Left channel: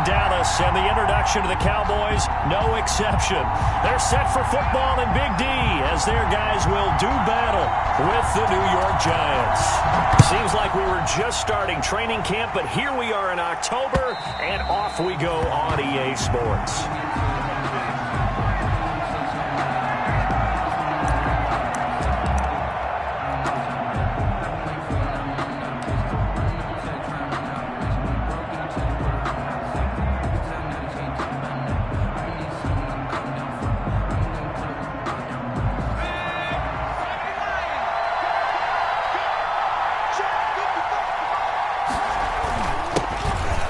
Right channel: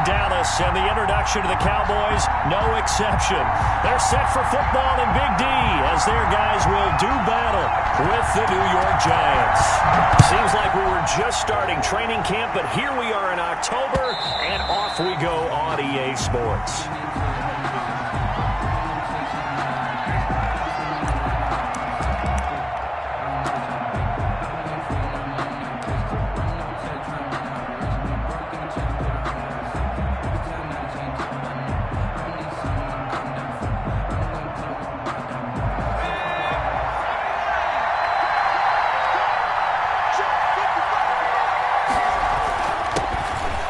in Dallas, and the introduction to the Cowboys, no exception. They're set for football in Big D as their guys will do battle with the New York Giants. Seems like we were just starting training camp, but here we are in October, and off we go on EA Sports.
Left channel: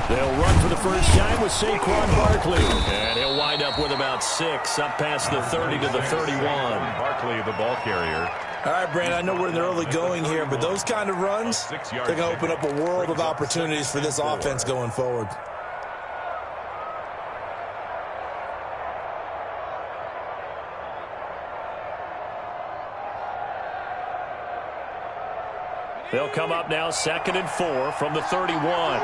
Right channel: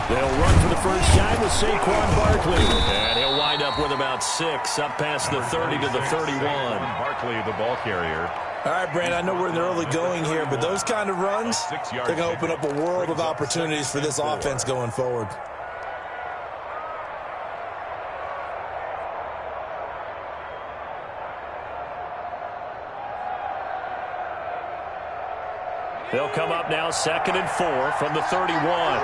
They'll run for the first time with Saquon Barkley. And he'll wind up with about 6, up past the 30 to the 31. Barkley, the ball carrier. All right, Brandon, I know we're in the early going here, but those kind of runs, they're going to open up a world of opportunities for this offense going forward. They'll come up now 2nd and 4 from the 31.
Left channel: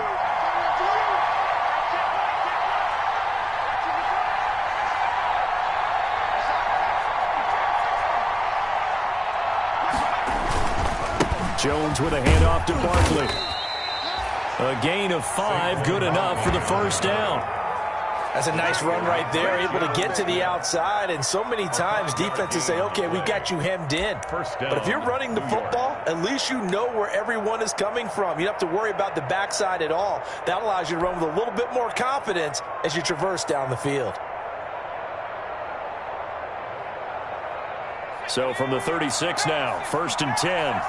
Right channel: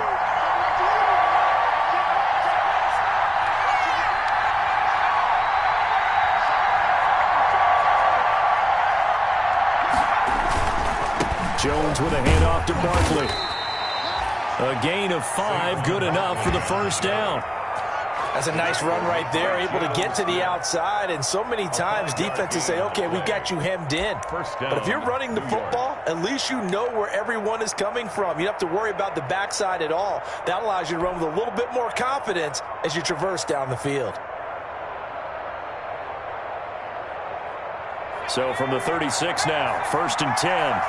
Jones with a handoff to Barkley. A gain of 5, good enough for the first down. That's a nice run right there, able to get to the outside, and so many times defenses say, okay, we got you hemmed in. But if you're running the football, at least you know where everyone is coming from. You don't have to worry about the backside at all. That allows you to run with a little bit more confidence as you traverse down the field. So from the 36 now, 1st and 10.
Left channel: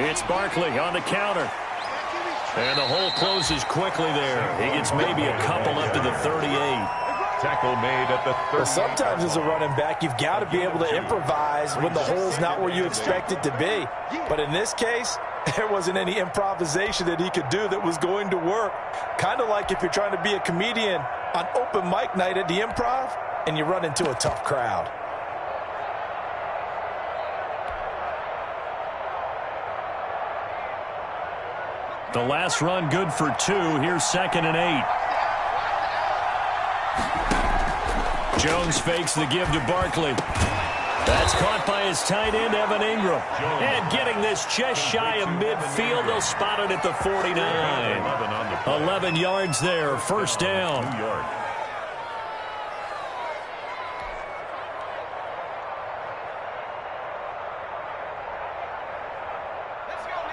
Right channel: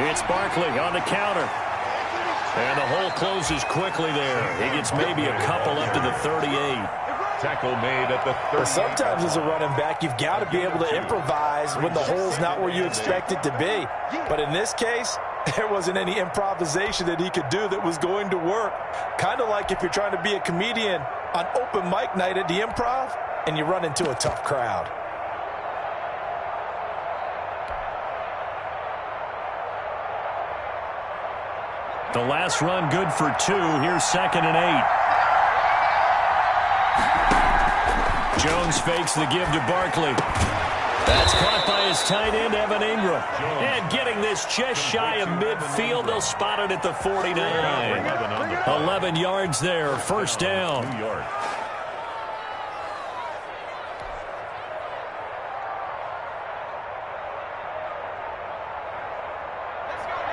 It's Barkley on the counter. And the hole closes quickly there. He gets maybe a couple up to the 38. Tackle made at the 38. Well, sometimes as a running back, you've got to be able to improvise when the hole's not where you expect it to be. But in this case, there wasn't any improvisation that he could do that was going to work. Kind of like if you're trying to be a comedian on open mic night at the Improv and you run into a tough crowd. The last run good for 2. Here's 2nd and 8. Jones fakes the give to Barkley. That's caught by his tight end, Evan Ingram. And getting this just shy of midfield, they'll spot it at the 49. 11 yards there, first down. New York.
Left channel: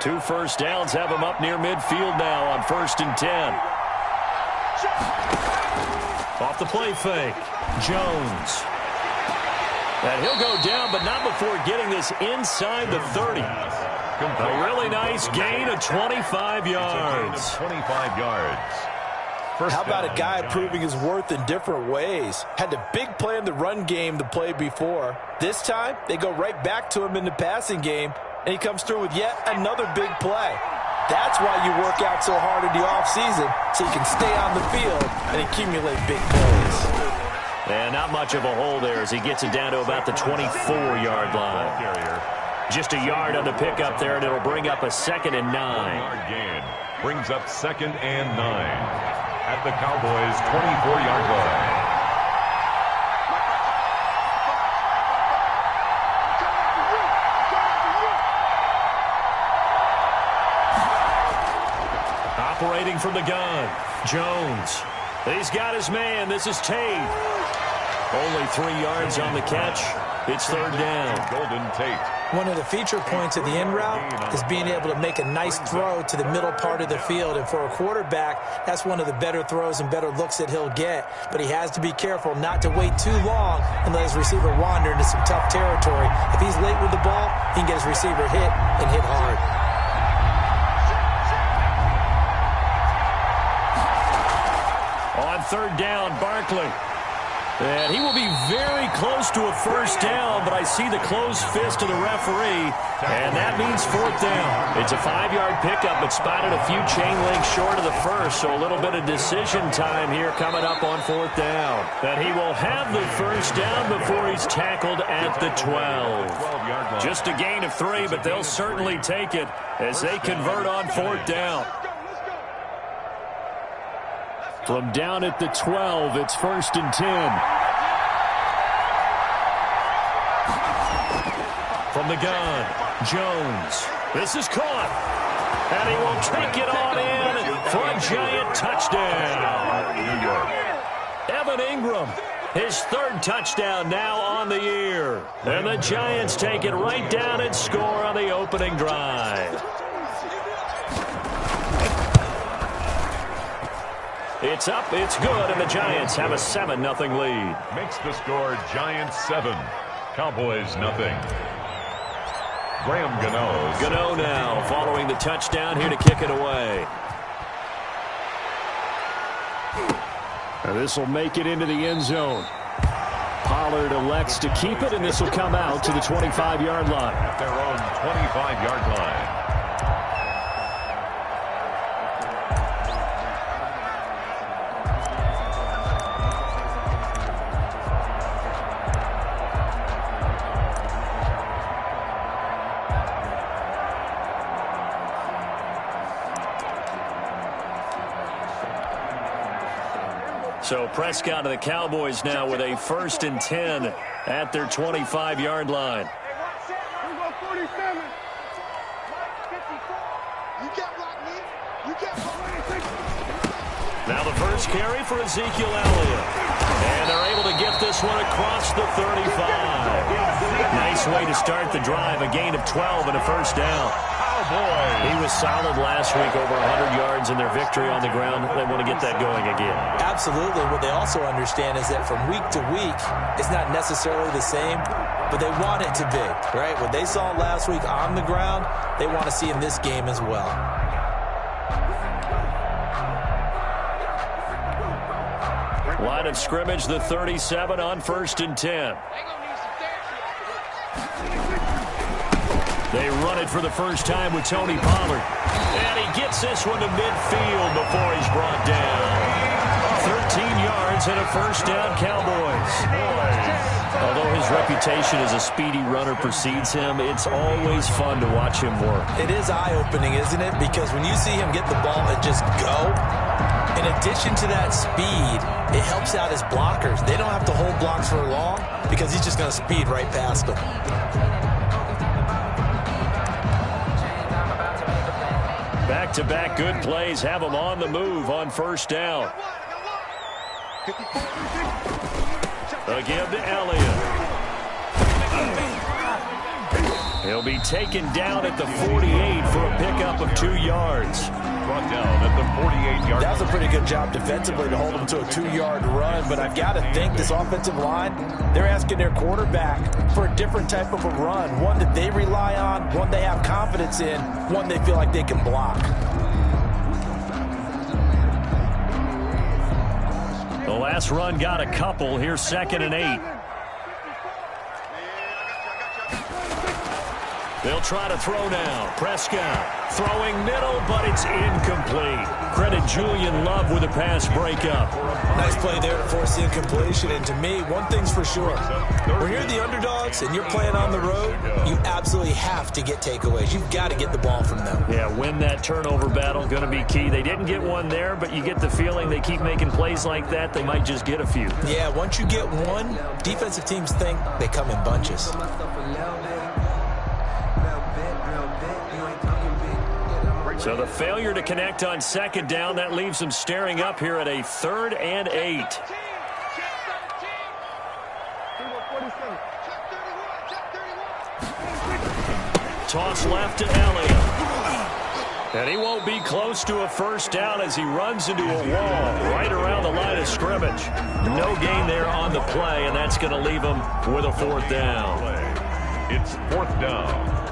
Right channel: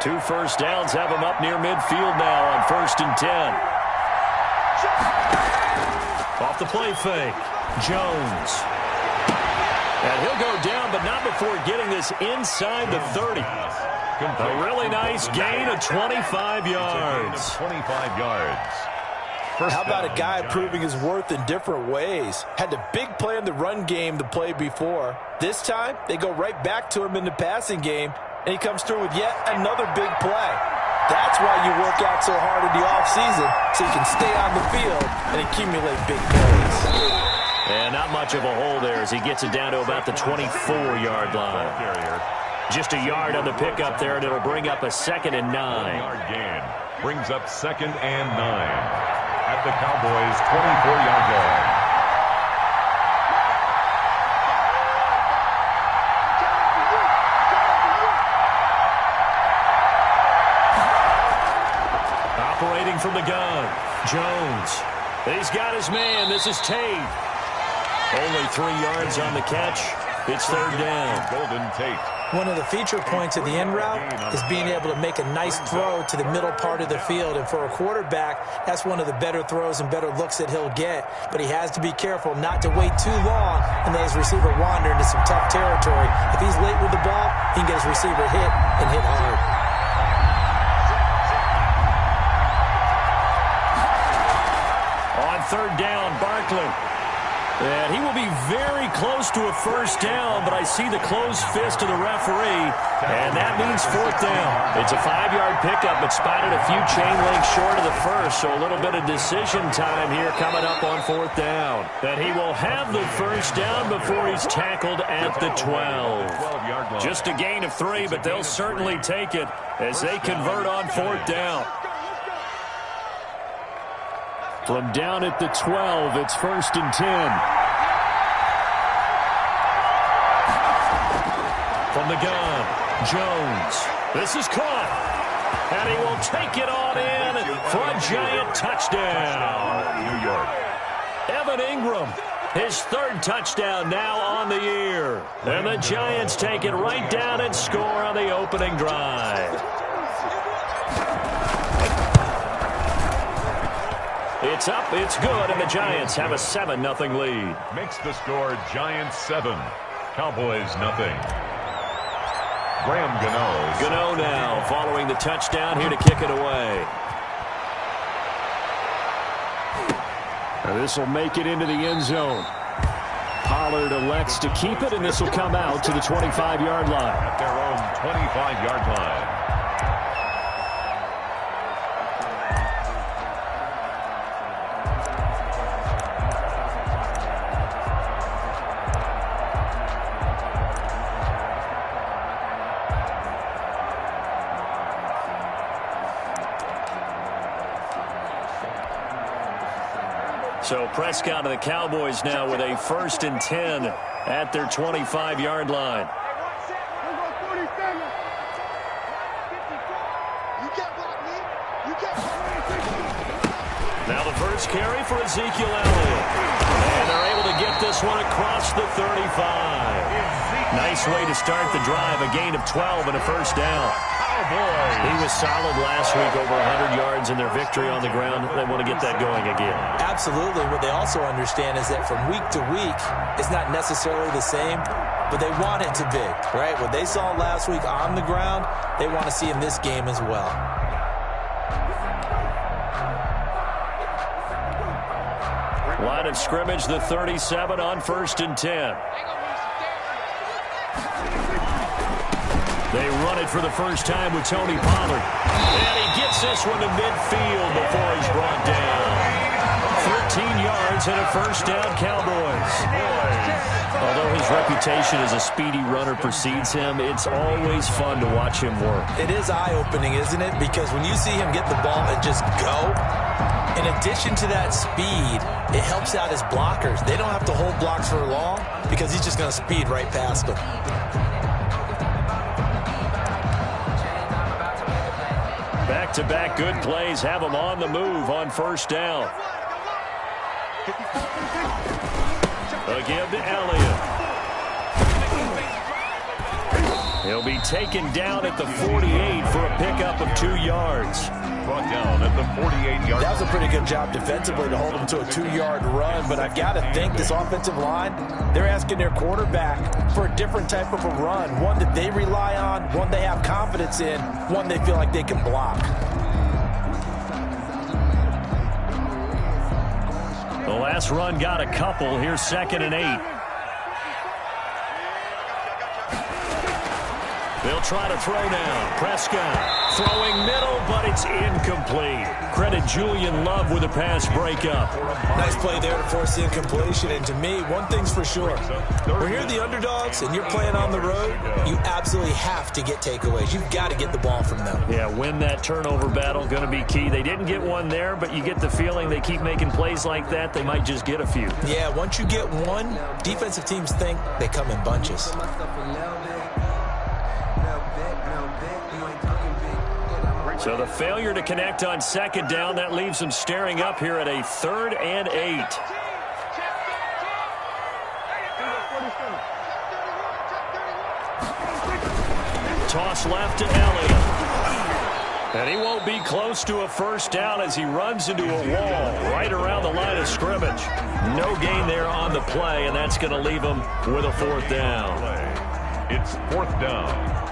Two first downs have him up near midfield now on 1st and 10. Off the play fake. Jones. And he'll go down, but not before getting this inside the 30. A really nice gain of 25 yards. 25 yards. How about a guy proving his worth in different ways? Had the big play in the run game the play before. This time, they go right back to him in the passing game, and he comes through with yet another big play. That's why you work out so hard in the offseason, so you can stay on the field and accumulate big plays. And not much of a hole there as he gets it down to about the 24-yard line. Just a yard on the pickup there, and it'll bring up a 2nd and 9. 1-yard gain brings up 2nd and 9 at the Cowboys' 24-yard line. Operating from the gun, Jones. He's got his man. This is Tate. Only 3 yards on the catch. It's 3rd down. Golden Tate. One of the feature points of the in route is being able to make a nice throw to the middle part of the field. And for a quarterback, that's one of the better throws and better looks that he'll get. But he has to be careful not to wait too long and let his receiver wander into some tough territory. If he's late with the ball, he can get his receiver hit and hit hard. On 3rd down, Barkley. And he will be very close to a first down, but I see the closed fist of the referee, and that means fourth down. It's a 5-yard pickup, but spotted a few chain links short of the first, so a little bit of decision time here coming up on fourth down. And he will have the first down before he's tackled at the 12. Just a gain of 3, but they'll certainly take it as they convert on fourth down. From down at the 12, it's 1st and 10. From the gun, Jones. This is caught. And he will take it on in for a Giant touchdown. New York. Evan Ingram, his 3rd touchdown now on the year. And the Giants take it right down and score on the opening drive. It's up, it's good, and the Giants have a 7-0 lead. Makes the score Giants 7, Cowboys nothing. Graham Gano. Gano now following the touchdown here to kick it away. This will make it into the end zone. Pollard elects to keep it, and this will come out to the 25-yard line. At their own 25-yard line. So Prescott of the Cowboys now with a 1st and 10 at their 25-yard line. Now the first carry for Ezekiel Elliott. And they're able to get this one across the 35. Nice way to start the drive. A gain of 12 and a first down. Cowboys. He was solid last week, over 100 yards in their victory on the ground. They want to get that going again. Absolutely. What they also understand is that from week to week, it's not necessarily the same, but they want it to be, right? What they saw last week on the ground, they want to see in this game as well. Line of scrimmage, the 37 on 1st and 10. They run it for the first time with Tony Pollard. And he gets this one to midfield before he's brought down. 13 yards and a first down, Cowboys. Although his reputation as a speedy runner precedes him, it's always fun to watch him work. It is eye-opening, isn't it? Because when you see him get the ball and just go, in addition to that speed, it helps out his blockers. They don't have to hold blocks for long because he's just going to speed right past them. Back-to-back good plays have him on the move on first down. A give to Elliott. He'll be taken down at the 48 for a pickup of 2 yards. Brought down at the 48-yard line. That was a pretty good job defensively to hold him to a 2-yard run, but I've got to think this offensive line, they're asking their quarterback for a different type of a run, one that they rely on, one they have confidence in, one they feel like they can block. The last run got a couple. Here's 2nd and 8. They'll try to throw now. Prescott throwing middle, but it's incomplete. Credit Julian Love with a pass breakup. Nice play there to force the incompletion. And to me, one thing's for sure. When you're the underdogs and you're playing on the road, you absolutely have to get takeaways. You've got to get the ball from them. Yeah, win that turnover battle, going to be key. They didn't get one there, but you get the feeling they keep making plays like that, they might just get a few. Yeah, once you get one, defensive teams think they come in bunches. So the failure to connect on 2nd down, that leaves them staring up here at a 3rd and 8. Toss left to Elliott. And he won't be close to a first down as he runs into a wall right around the line of scrimmage. No gain there on the play, and that's going to leave him with a 4th down. It's 4th down.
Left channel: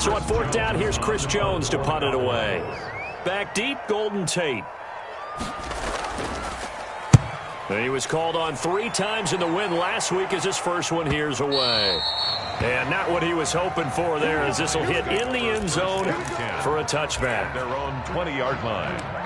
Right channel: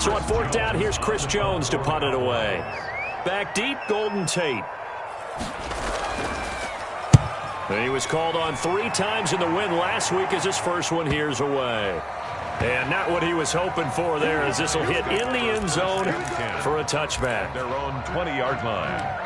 So on 4th down, here's Chris Jones to punt it away. Back deep, Golden Tate. He was called on 3 times in the win last week as his first one here's away. And not what he was hoping for there, as this will hit in the end zone for a touchback. Their own 20-yard line.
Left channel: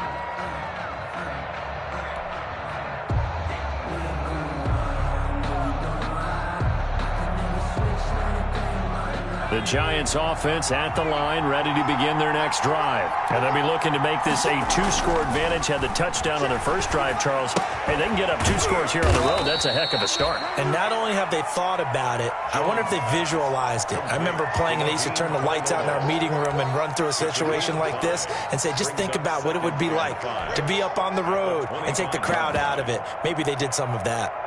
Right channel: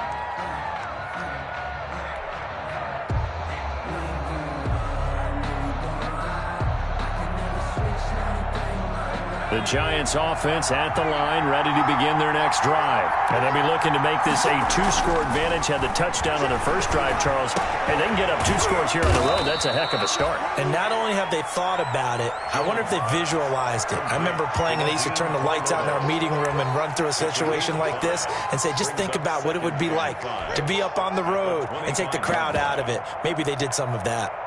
The Giants offense at the line, ready to begin their next drive. And they'll be looking to make this a 2-score advantage. Had the touchdown on their first drive, Charles. Hey, they can get up 2 scores here on the road. That's a heck of a start. And not only have they thought about it, I wonder if they visualized it. I remember playing, and they used to turn the lights out in our meeting room and run through a situation like this and say, just think about what it would be like to be up on the road and take the crowd out of it. Maybe they did some of that.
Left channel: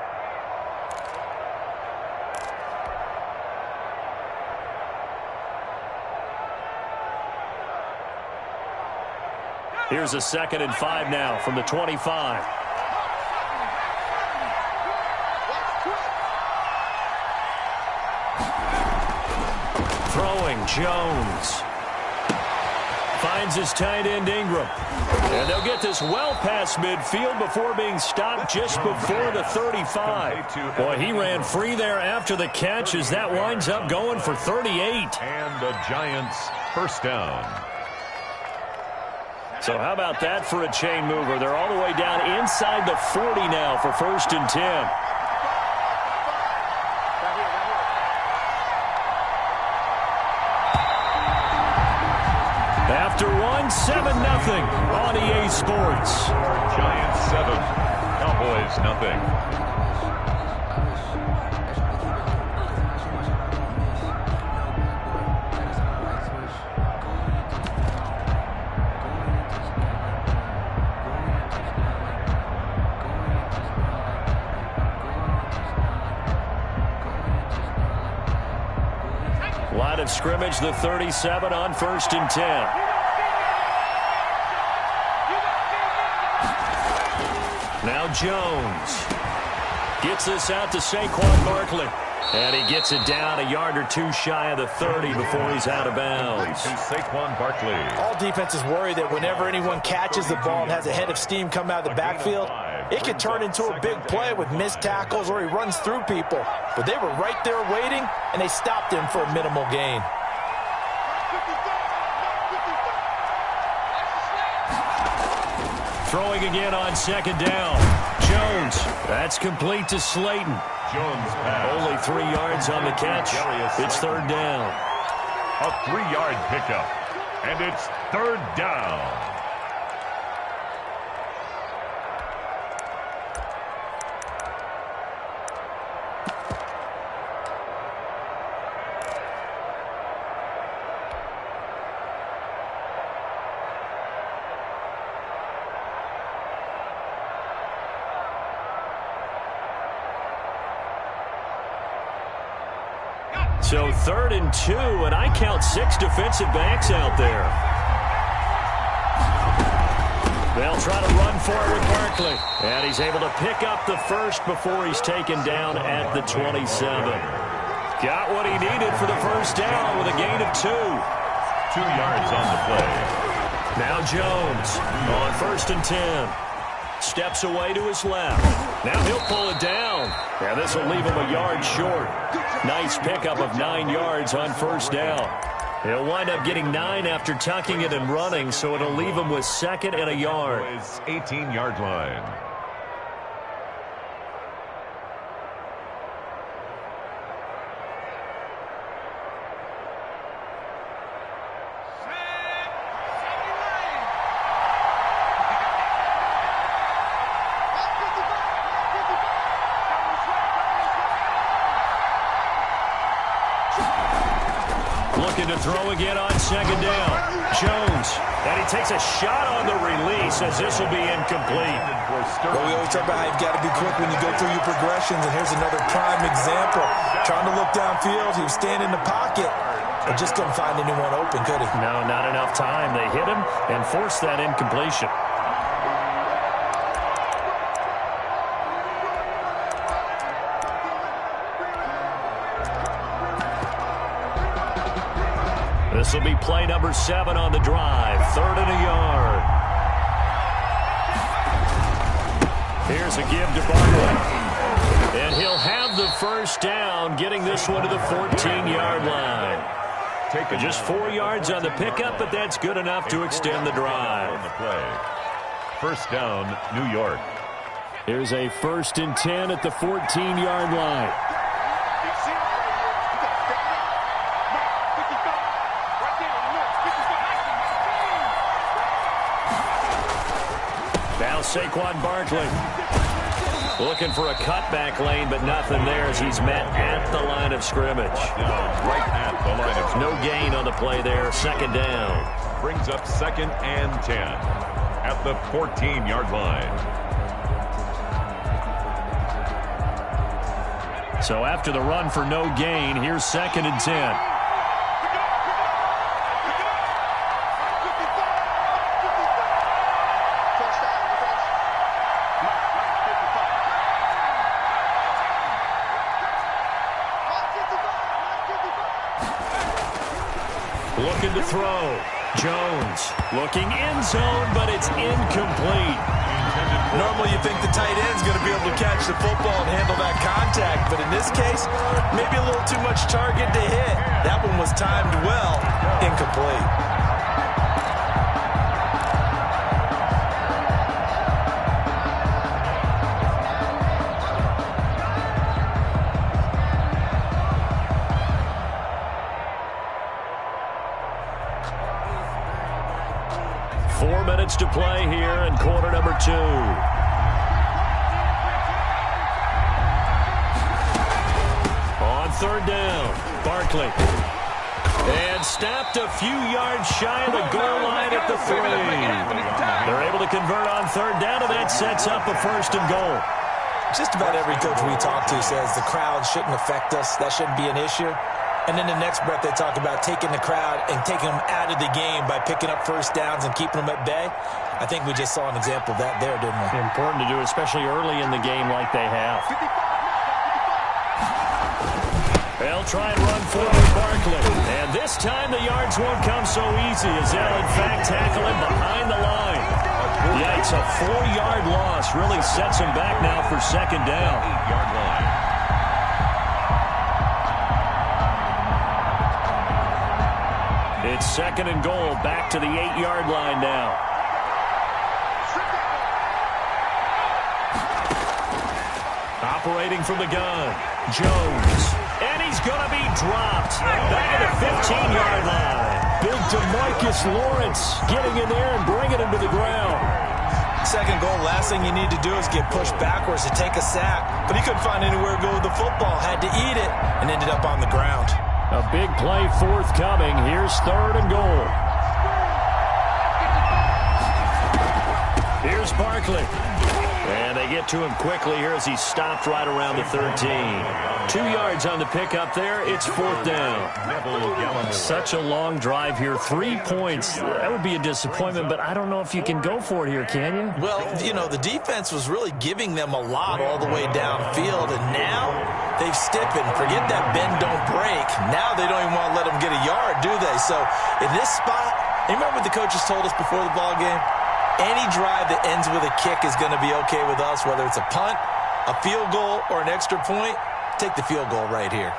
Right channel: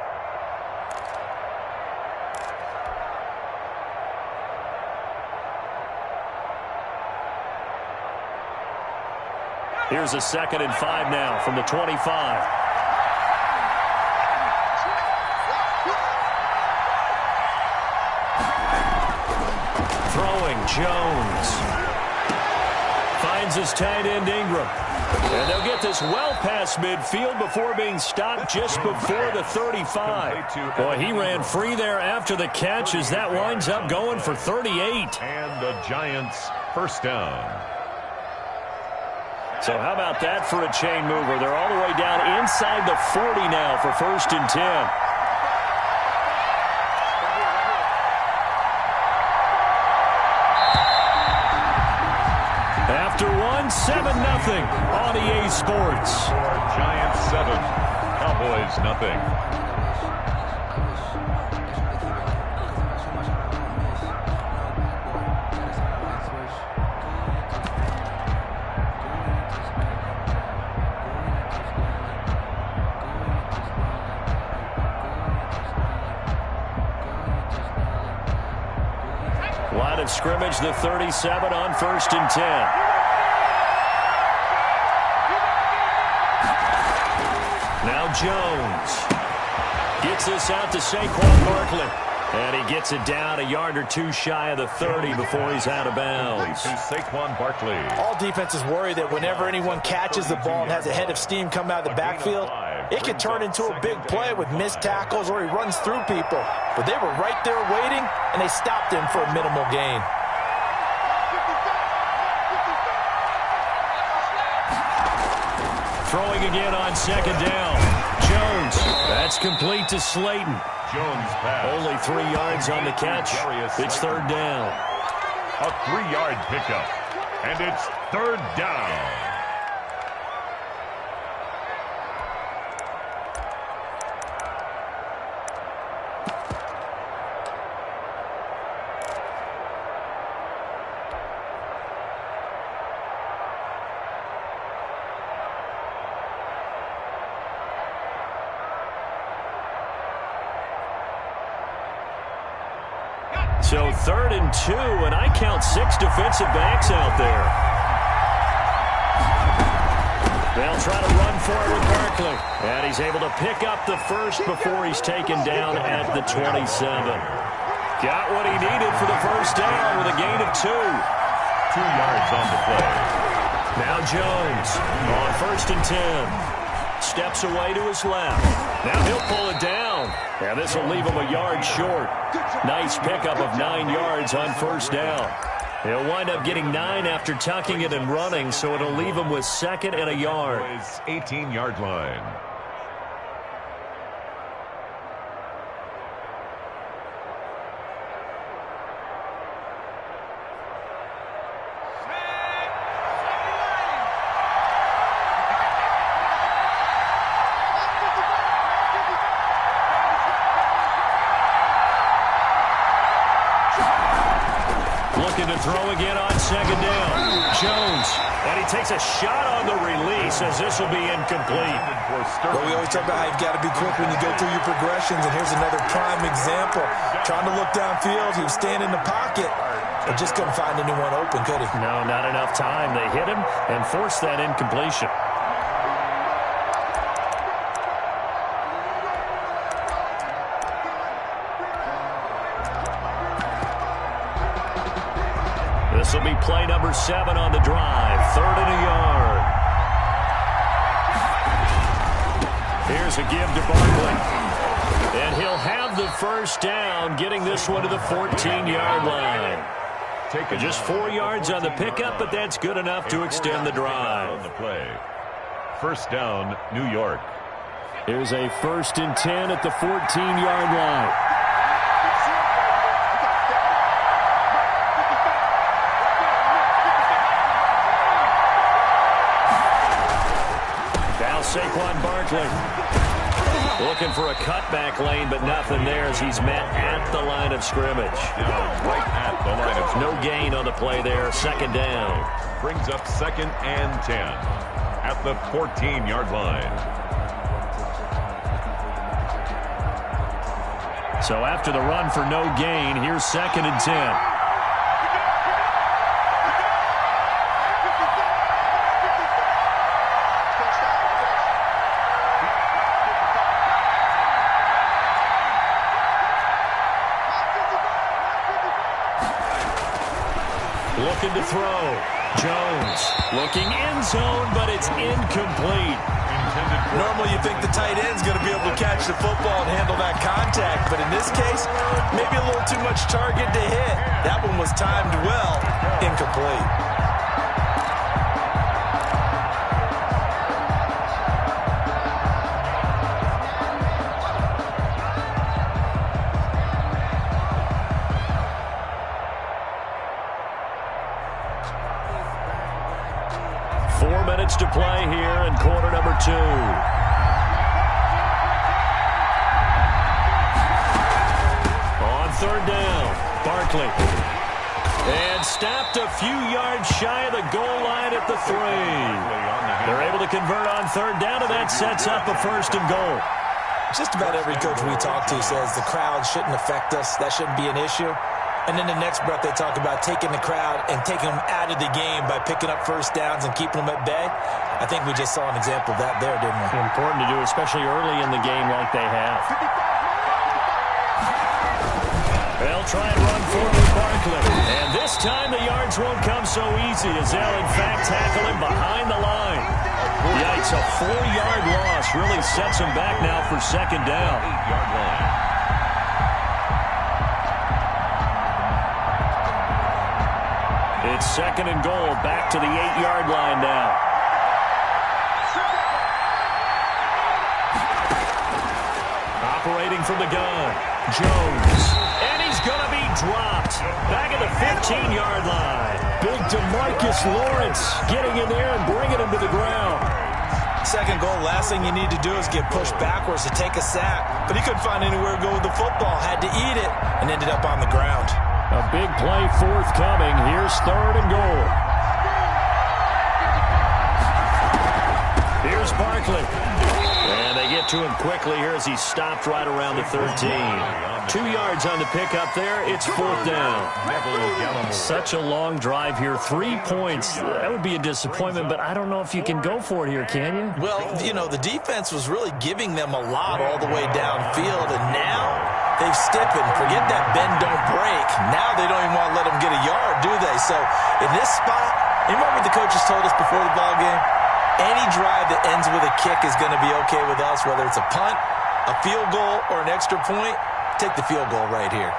Here's a 2nd and 5 now from the 25. Throwing, Jones. Finds his tight end, Ingram. And they'll get this well past midfield before being stopped just before the 35. Boy, he ran free there after the catch as that winds up going for 38. And the Giants first down. So how about that for a chain mover? They're all the way down inside the 40 now for 1st and 10. After 7-0 on EA Sports. Giants 7, Cowboys nothing. Line of scrimmage, the 37 on 1st and 10. Now Jones gets this out to Saquon Barkley. And he gets it down a yard or 2 shy of the 30 before he's out of bounds. To Saquon Barkley. All defenses worry that whenever anyone catches the ball and has a head of steam come out of the backfield, it could turn into a big play with missed tackles or he runs through people. But they were right there waiting, and they stopped him for a minimal gain. Throwing again on 2nd down. Jones, that's complete to Slayton. Jones pass. Only 3 yards on the catch. It's 3rd down. A 3-yard pickup. And it's 3rd down. So 3rd and 2, and I count 6 defensive backs out there. They'll try to run for it with Barkley. And he's able to pick up the first before he's taken down at the 27. Got what he needed for the first down with a gain of 2. 2 yards on the play. Now Jones on 1st and 10. Steps away to his left. Now he'll pull it down. And this will leave him a yard short. Nice pickup of 9 yards on 1st down. He'll wind up getting 9 after tucking it and running, so it'll leave him with 2nd and a yard. 18-yard line. Looking to throw again on 2nd down. Jones. And he takes a shot on the release as this will be incomplete. Well, we always talk about how you've got to be quick when you go through your progressions, and here's another prime example. Trying to look downfield, he was standing in the pocket, but just couldn't find anyone open, could he? No, not enough time. They hit him and forced that incompletion. This will be play number 7 on the drive. 3rd and a yard. Here's a give to Barkley. And he'll have the first down, getting this one to the 14-yard line. Just 4 yards on the pickup, but that's good enough to extend the drive. On the play. First down, New York. Here's a 1st and 10 at the 14-yard line. Now Saquon Barkley looking for a cutback lane, but nothing there as he's met at the line of scrimmage. Right at the line of scrimmage. No gain on the play there. 2nd down. Brings up 2nd and 10 at the 14-yard line. So after the run for no gain, here's 2nd and 10. Looking to throw. Jones looking end zone, but it's incomplete. Normally you think the tight end's going to be able to catch the football and handle that contact, but in this case, maybe a little too much target to hit. That one was timed well. Incomplete. 4 minutes to play here in quarter number 2. On 3rd down, Barkley. And stopped a few yards shy of the goal line at the 3. They're able to convert on 3rd down, and that sets up a 1st and goal. Just about every coach we talk to says the crowd shouldn't affect us. That shouldn't be an issue. And then the next breath they talk about taking the crowd and taking them out of the game by picking up 1st downs and keeping them at bay. I think we just saw an example of that there, didn't we? Important to do, especially early in the game like they have. They'll try and run forward Barkley. And this time the yards won't come so easy as they'll, in fact, tackle him behind the line. Yikes, a 4-yard loss really sets him back now for 2nd down. 8-yard line. It's 2nd and goal, back to the 8-yard line now. Operating from the gun, Jones. And he's going to be dropped. Back at the 15-yard line. Big DeMarcus Lawrence getting in there and bringing him to the ground. 2nd goal, last thing you need to do is get pushed backwards to take a sack. But he couldn't find anywhere to go with the football. Had to eat it and ended up on the ground. A big play forthcoming. Here's 3rd and goal. Here's Barkley. And they get to him quickly here as he stopped right around the 13. 2 yards on the pickup there. It's 4th down. Such a long drive here. 3 points. That would be a disappointment, but I don't know if you can go for it here, can you? Well, you know, the defense was really giving them a lot all the way downfield, and now they've stiffened. Forget that bend, don't break. Now they don't even want to let them get a yard, do they? So in this spot, you remember what the coaches told us before the ball game? Any drive that ends with a kick is going to be okay with us, whether it's a punt, a field goal, or an extra point. Take the field goal right here.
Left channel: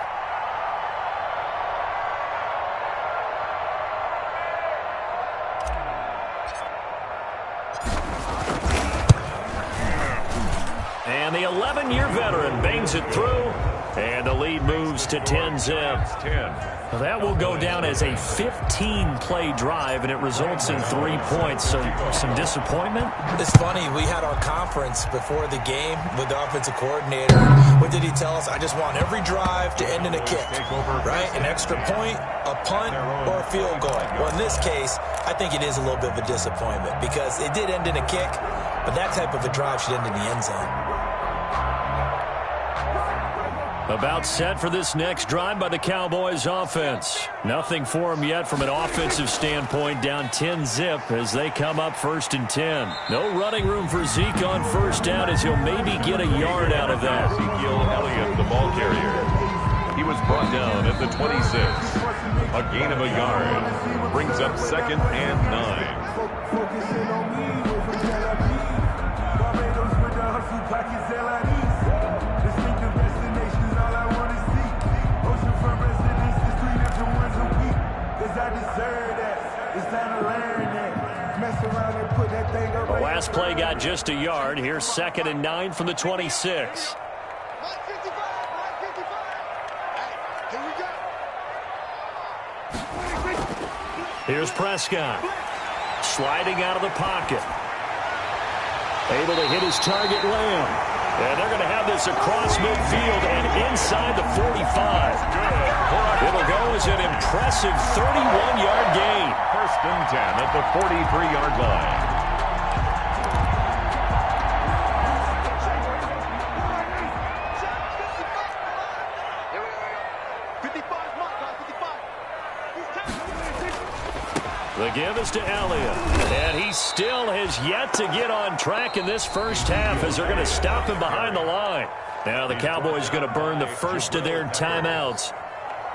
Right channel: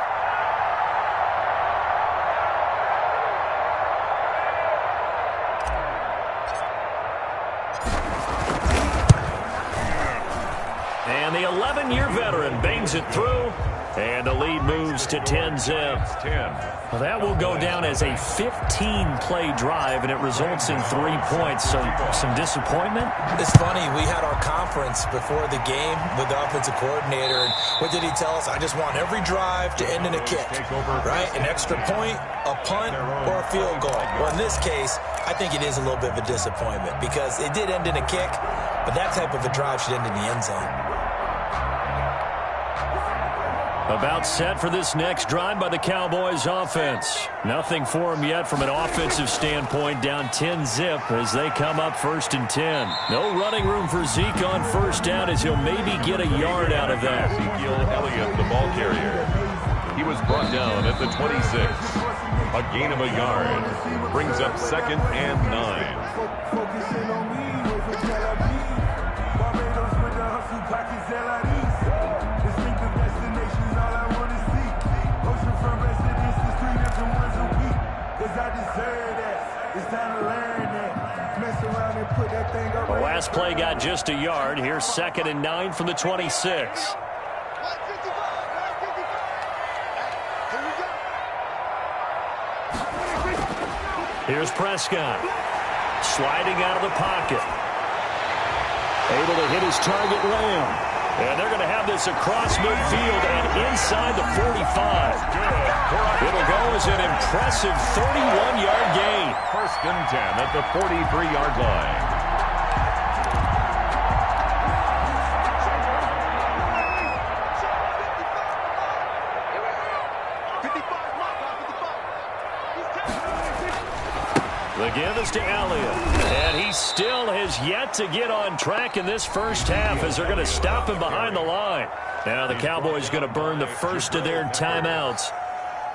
And the 11-year veteran bangs it through, and the lead moves to 10-zip. 10. Well, that will go down as a 15-play drive, and it results in 3 points. So some disappointment? It's funny. We had our conference before the game with the offensive coordinator. What did he tell us? I just want every drive to end in a kick, right? An extra point, a punt, or a field goal. Well, in this case, I think it is a little bit of a disappointment because it did end in a kick, but that type of a drive should end in the end zone. About set for this next drive by the Cowboys offense. Nothing for them yet from an offensive standpoint, down 10-zip as they come up 1st and 10. No running room for Zeke on 1st down as he'll maybe get a yard out of that. Ezekiel Elliott, the ball carrier. He was brought down at the 26. A gain of a yard. Brings up 2nd and 9. hustle pockets distinctive destinations, all I want to see. Oceanfront residences, 3 different ones a week. Cause I deserve that. It's time to learn that. Mess around and put that thing up. The last play got just a yard. Here's 2nd and 9 from the 26. Here's Prescott. Sliding out of the pocket. Able to hit his target, Lamb. And they're going to have this across midfield and inside the 45. It'll go as an impressive 31-yard gain. 1st and 10 at the 43-yard line. The give is to Elliott, and he still has yet to get on track in this first half as they're going to stop him behind the line. Now the Cowboys going to burn the first of their timeouts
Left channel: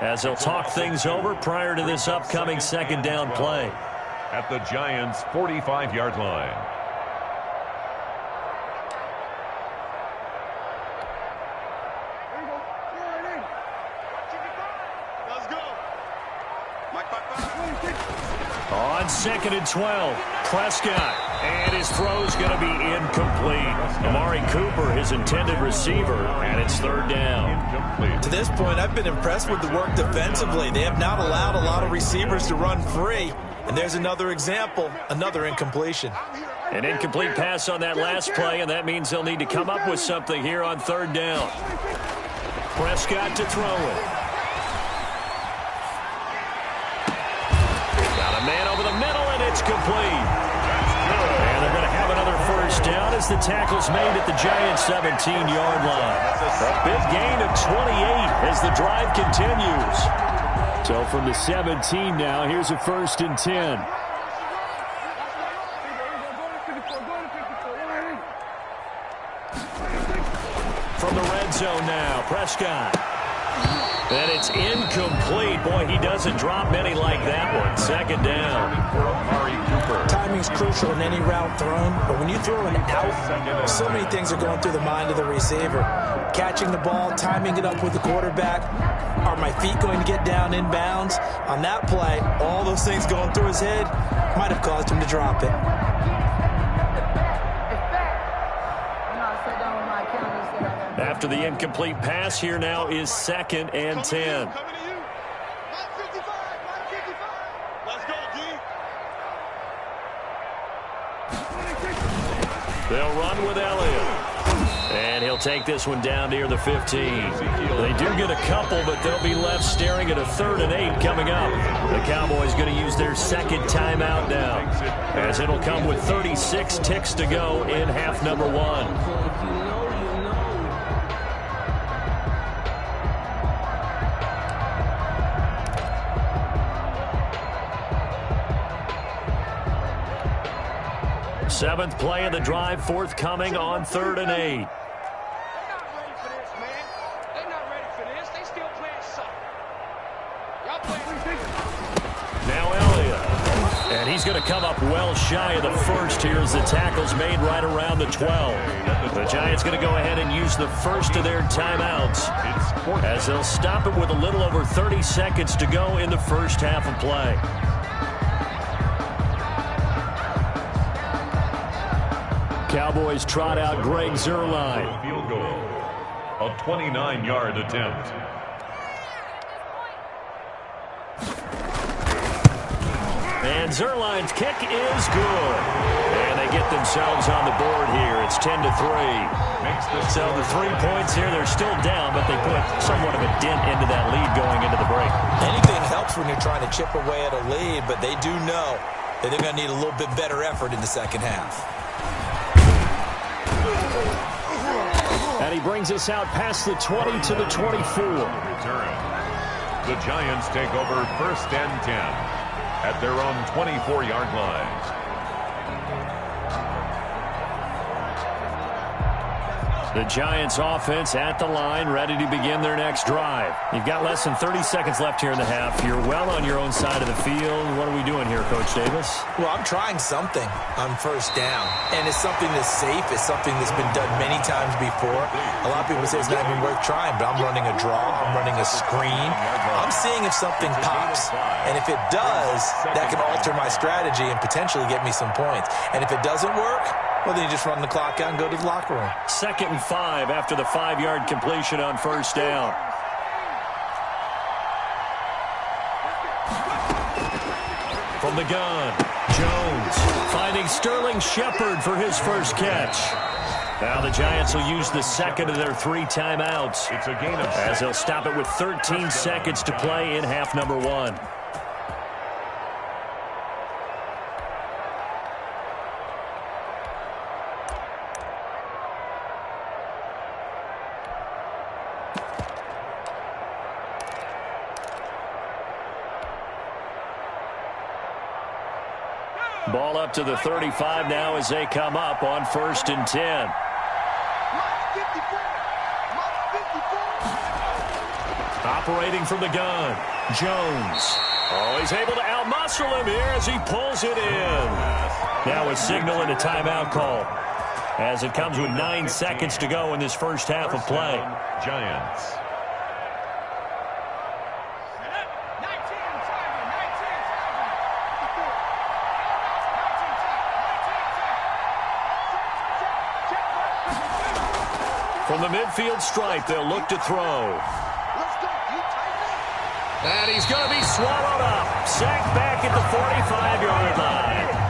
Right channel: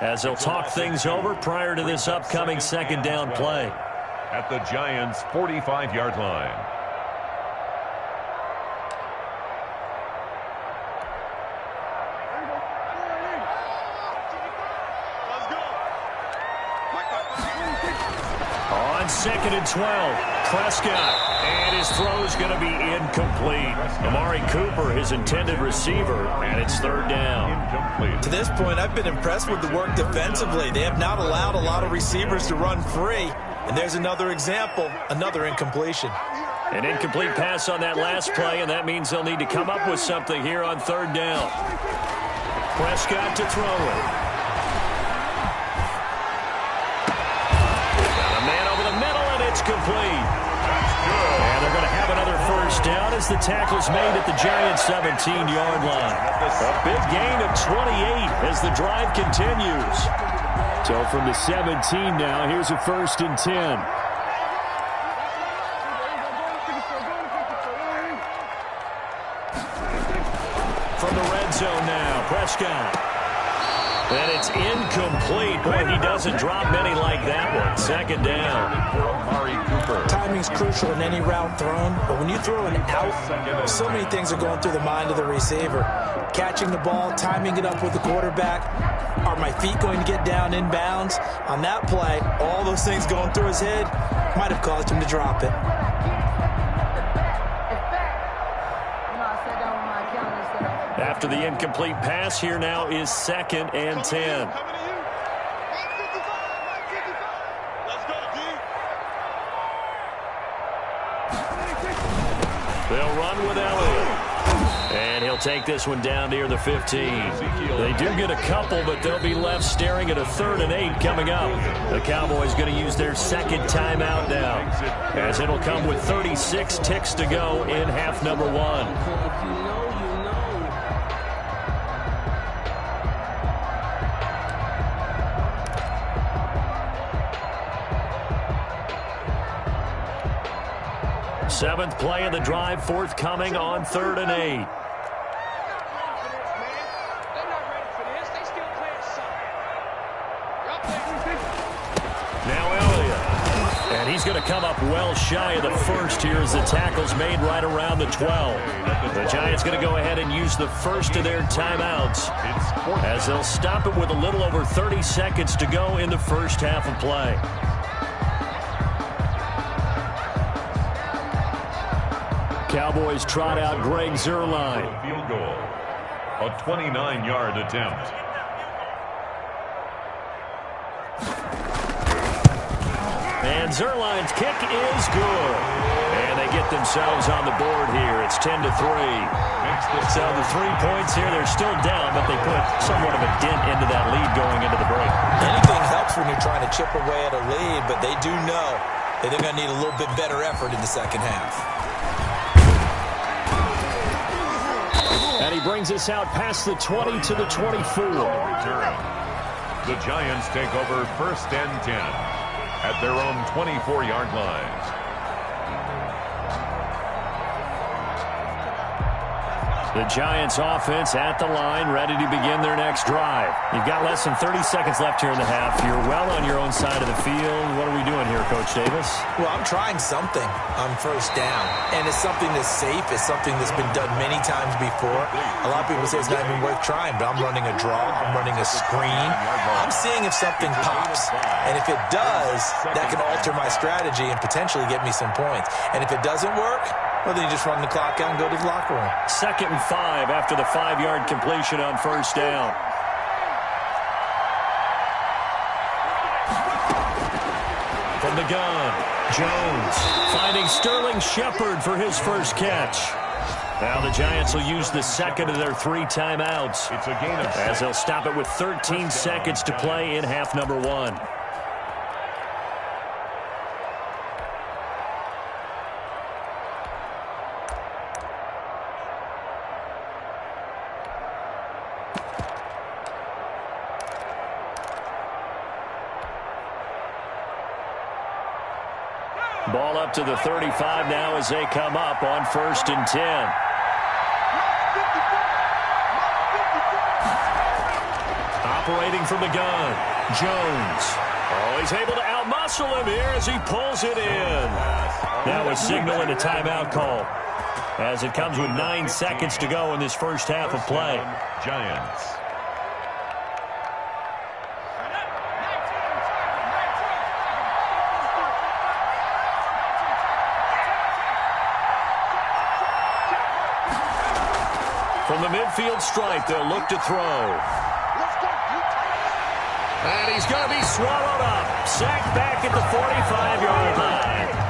as they'll talk things over prior to this upcoming 2nd down play. At the Giants' 45-yard line. On 2nd and 12, Prescott, and his throw's going to be incomplete. Amari Cooper, his intended receiver, and it's 3rd down. To this point, I've been impressed with the work defensively. They have not allowed a lot of receivers to run free, and there's another example, another incompletion. An incomplete pass on that last play, and that means they'll need to come up with something here on 3rd down. Prescott to throw it. Man over the middle, and it's complete. That's good. And they're going to have another first down as the tackle's made at the Giants' 17-yard line. A big gain of 28 as the drive continues. So from the 17 now, here's a 1st and 10. From the red zone now, Prescott. And it's incomplete. Boy, he doesn't drop many like that one. 2nd down. Amari Cooper. Timing's crucial in any route thrown, but when you throw an out, so many things are going through the mind of the receiver. Catching the ball, timing it up with the quarterback. Are my feet going to get down inbounds? On that play, all those things going through his head might have caused him to drop it. After the incomplete pass, here now is 2nd and 10. They'll run with Elliott. And he'll take this one down near the 15. They do get a couple, but they'll be left staring at a 3rd and 8 coming up. The Cowboys going to use their 2nd timeout now, as it'll come with 36 ticks to go in half number 1. Seventh play of the drive, forthcoming on 3rd and 8. They're not ready for this, man. They're not ready for this. They still playing soccer. Y'all playing. Now Elliott. And he's going to come up well shy of the first here as the tackle's made right around the 12. The Giants going to go ahead and use the first of their timeouts as they'll stop it with a little over 30 seconds to go in the first half of play. Cowboys trot out Greg Zuerlein. Field goal. A 29-yard attempt. And Zuerlein's kick is good. And they get themselves on the board here. It's 10-3. So the 3 points here, they're still down, but they put somewhat of a dent into that lead going into the break. Anything helps when you're trying to chip away at a lead, but they do know that they're going to need a little bit better effort in the second half. And he brings us out past the 20 to the 24. Return. The Giants take over 1st and 10 at their own 24-yard line. The Giants offense at the line, ready to begin their next drive. You've got less than 30 seconds left here in the half. You're well on your own side of the field. What are we doing here, Coach Davis? Well, I'm trying something on first down, and it's something that's safe. It's something that's been done many times before. A lot of people say it's not even worth trying, but I'm running a draw. I'm running a screen. I'm seeing if something pops, and if it does, that can alter my strategy and potentially get me some points. And if it doesn't work, well, then you just run the clock out and go to the locker room. 2nd and 5 after the 5-yard completion on first down. From the gun, Jones finding Sterling Shepard for his first catch. Now the Giants will use the second of their 3 timeouts. It's a gain of 6. As they'll stop it with 13 seconds to play in half number 1. Ball up to the 35 now as they come up on 1st and 10. Operating from the gun, Jones. Oh, he's able to outmuscle him here as he pulls it in. Now a signal and a timeout call as it comes with 9 seconds to go in this first half of play. Giants. From the midfield stripe, they'll look to throw. And he's going to be swallowed up. Sacked back at the 45-yard line.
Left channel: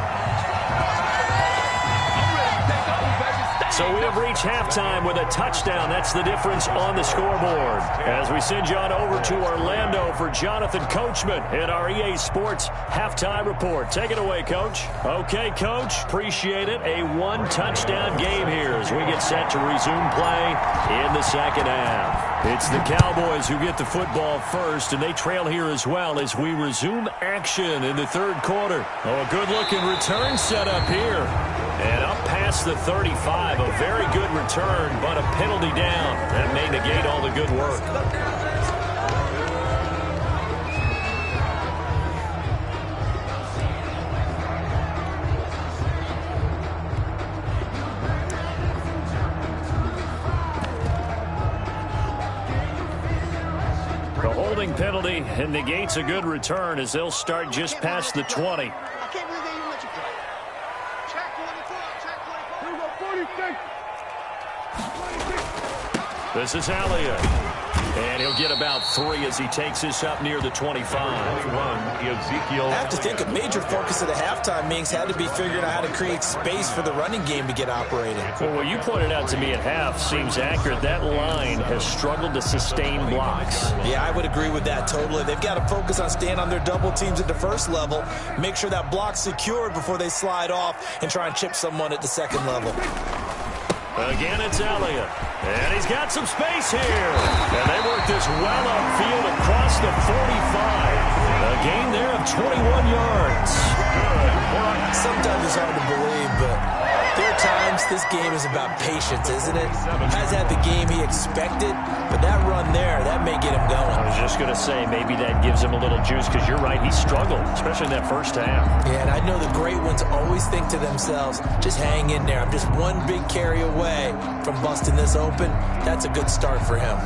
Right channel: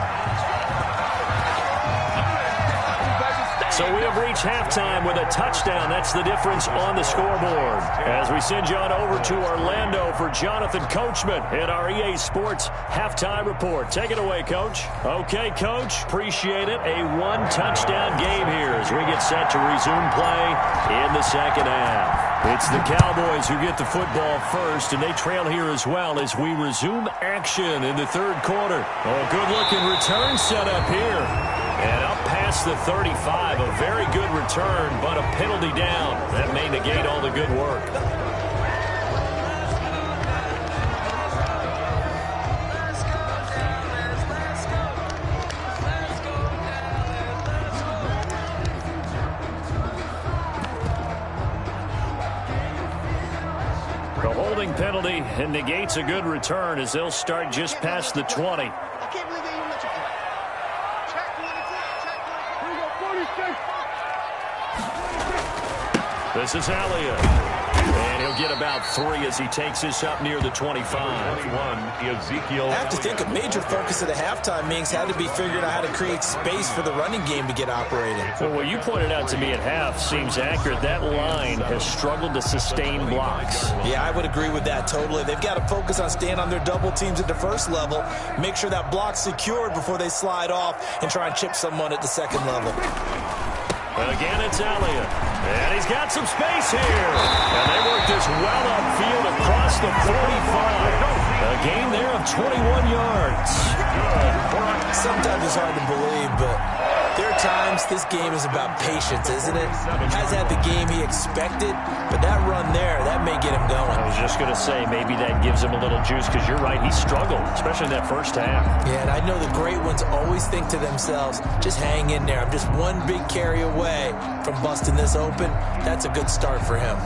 So we have reached halftime with a touchdown. That's the difference on the scoreboard. As we send you on over to Orlando for Jonathan Coachman at our EA Sports Halftime Report. Take it away, Coach. Okay, Coach. Appreciate it. A 1-touchdown game here as we get set to resume play in the second half. It's the Cowboys who get the football first, and they trail here as well as we resume action in the third quarter. Oh, a good-looking return set up here. And up past the 35, a very good return, but a penalty down. That may negate all the good work. The holding penalty and negates a good return as they'll start just past the 20. I can't believe they even let you play. Check 24, check 24. Here we go, 46. This is Elliott. And he'll get about 3 as he takes this up near the 25. 21, Ezekiel. I have to think a major focus of the halftime meetings had to be figuring out how to create space for the running game to get operating. Well, what you pointed out to me at half seems accurate. That line has struggled to sustain blocks. Yeah, I would agree with that totally. They've got to focus on staying on their double teams at the first level, make sure that block's secured before they slide off and try and chip someone at the second level. Again, it's Elliott. And he's got some space here. And they work this well upfield across the 45. A gain there of 21 yards. Sometimes it's hard to believe, but there are times this game is about patience, isn't it? Has had the game he expected, but that run there, that may get him going. I was just going to say, maybe that gives him a little juice, because you're right, he struggled, especially in that first half. Yeah, and I know the great ones always think to themselves, just hang in there. I'm just one big carry away from busting this open. That's a good start for him.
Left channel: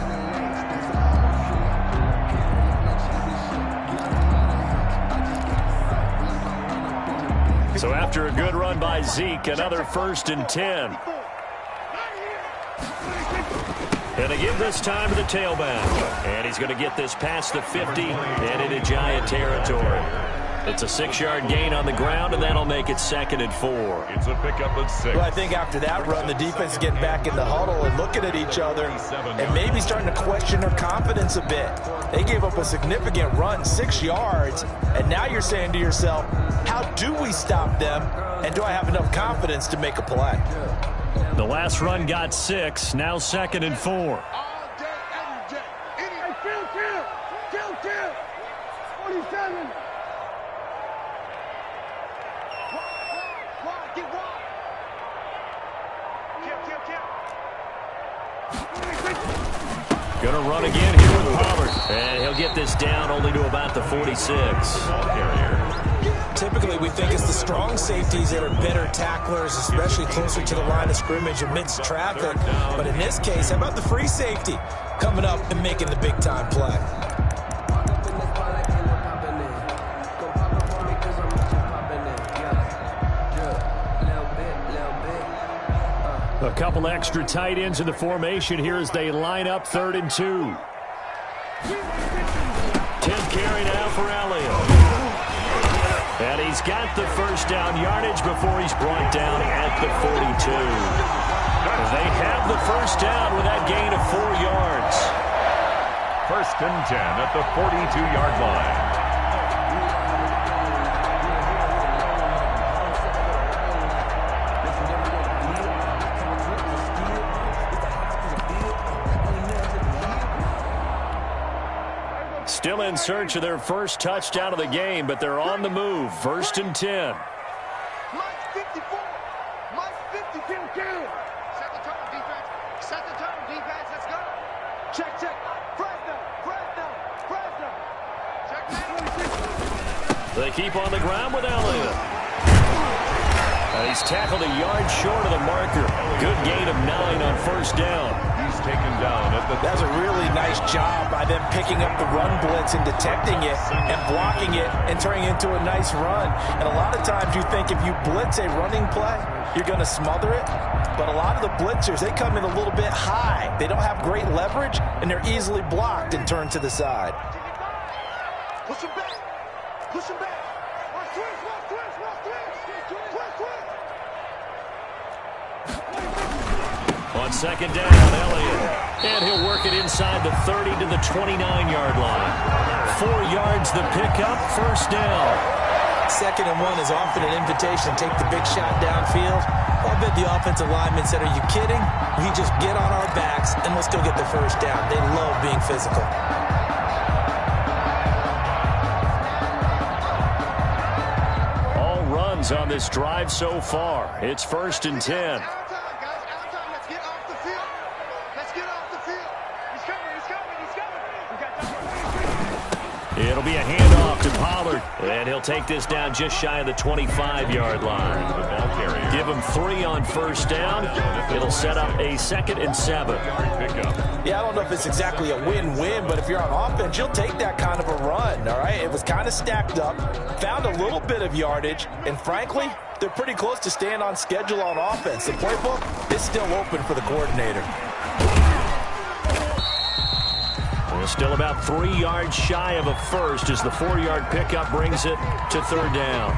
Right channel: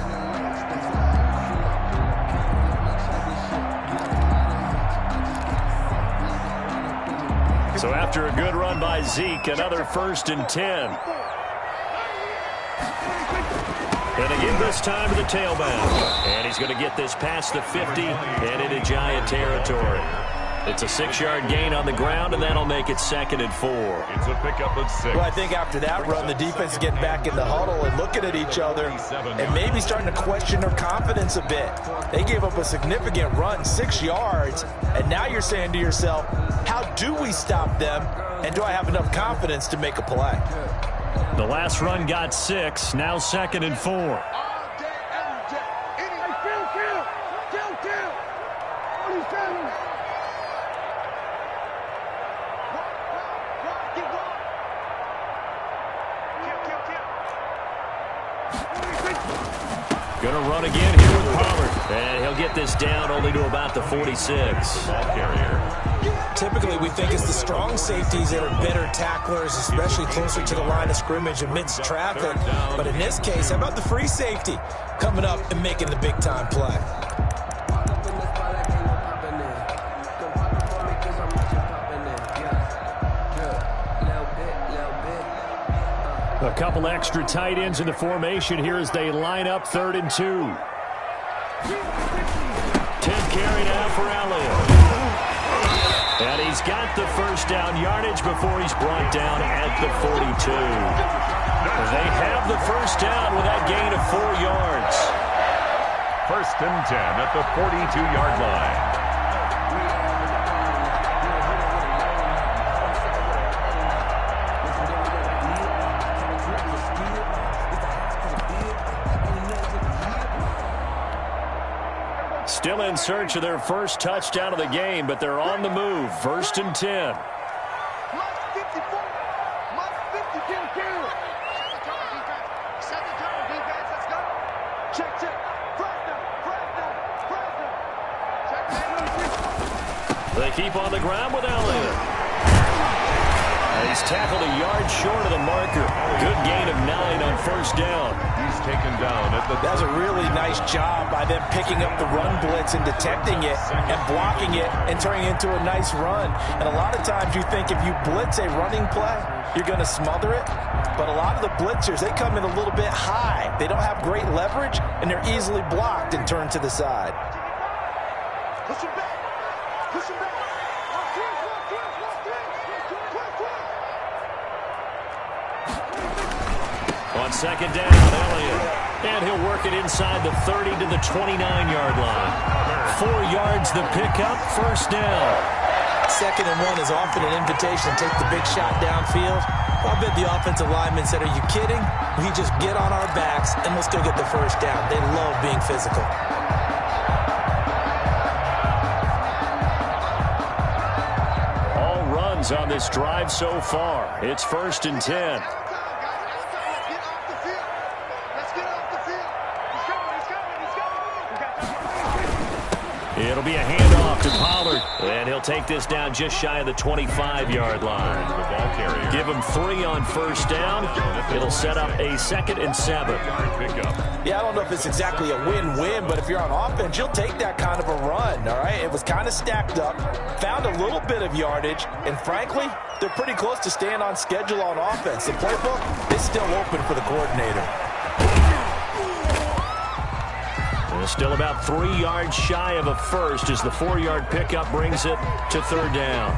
So after a good run by Zeke, another 1st and 10. And again this time to the tailback. And he's going to get this past the 50 and into Giant territory. It's a 6-yard gain on the ground, and that'll make it 2nd and 4. It's a pickup of 6. Well, I think after that run, the defense is getting back in the huddle and looking at each other and maybe starting to question their confidence a bit. They gave up a significant run, 6 yards, and now you're saying to yourself, how do we stop them, and do I have enough confidence to make a play? The last run got 6, now 2nd and 4. All day, every day. Hey, kill. 47. Get one. Kill. to run again here with Pollard. And he'll get this down only to about the 46. Ball carrier. Typically, we think it's the strong safeties that are better tacklers, especially closer to the line of scrimmage amidst traffic. But in this case, how about the free safety coming up and making the big-time play? A couple extra tight ends in the formation here as they line up 3rd and 2. 10th carry now for Elliott. And he's got the first down yardage before he's brought down at the 42. They have the first down with that gain of 4 yards. 1st and 10 at the 42-yard line. Still in search of their first touchdown of the game, but they're on the move. 1st and 10. Mike 54. Mike 52. Set the tone, defense. Set the tone, defense. Let's go. Check. Fresno. Check that. They keep on the ground with Elliott. And he's tackled a yard short of the marker. Good gain of 9 on 1st down. He's taken down at the... That's a really nice job by them picking up the run blitz and detecting it and blocking it and turning it into a nice run. And a lot of times you think if you blitz a running play, you're going to smother it. But a lot of the blitzers, they come in a little bit high. They don't have great leverage, and they're easily blocked and turned to the side. Push him back. On 2nd down, Elliott. And he'll work it inside the 30 to the 29-yard line. 4 yards the pickup, 1st down. 2nd and 1 is often an invitation to take the big shot downfield. I'll bet the offensive lineman said, "Are you kidding? We just get on our backs and let's go get the first down." They love being physical. All runs on this drive so far. It's 1st and 10. It'll be a handoff to Pollard, and he'll take this down just shy of the 25-yard line. The ball carrier. Give him 3 on 1st down. It'll set up a 2nd and 7. Pickup. Yeah, I don't know if it's exactly a win-win, but if you're on offense, you'll take that kind of a run, all right? It was kind of stacked up, found a little bit of yardage, and frankly, they're pretty close to staying on schedule on offense. The playbook is still open for the coordinator. They're still about 3 yards shy of a first as the 4-yard pickup brings it to 3rd down.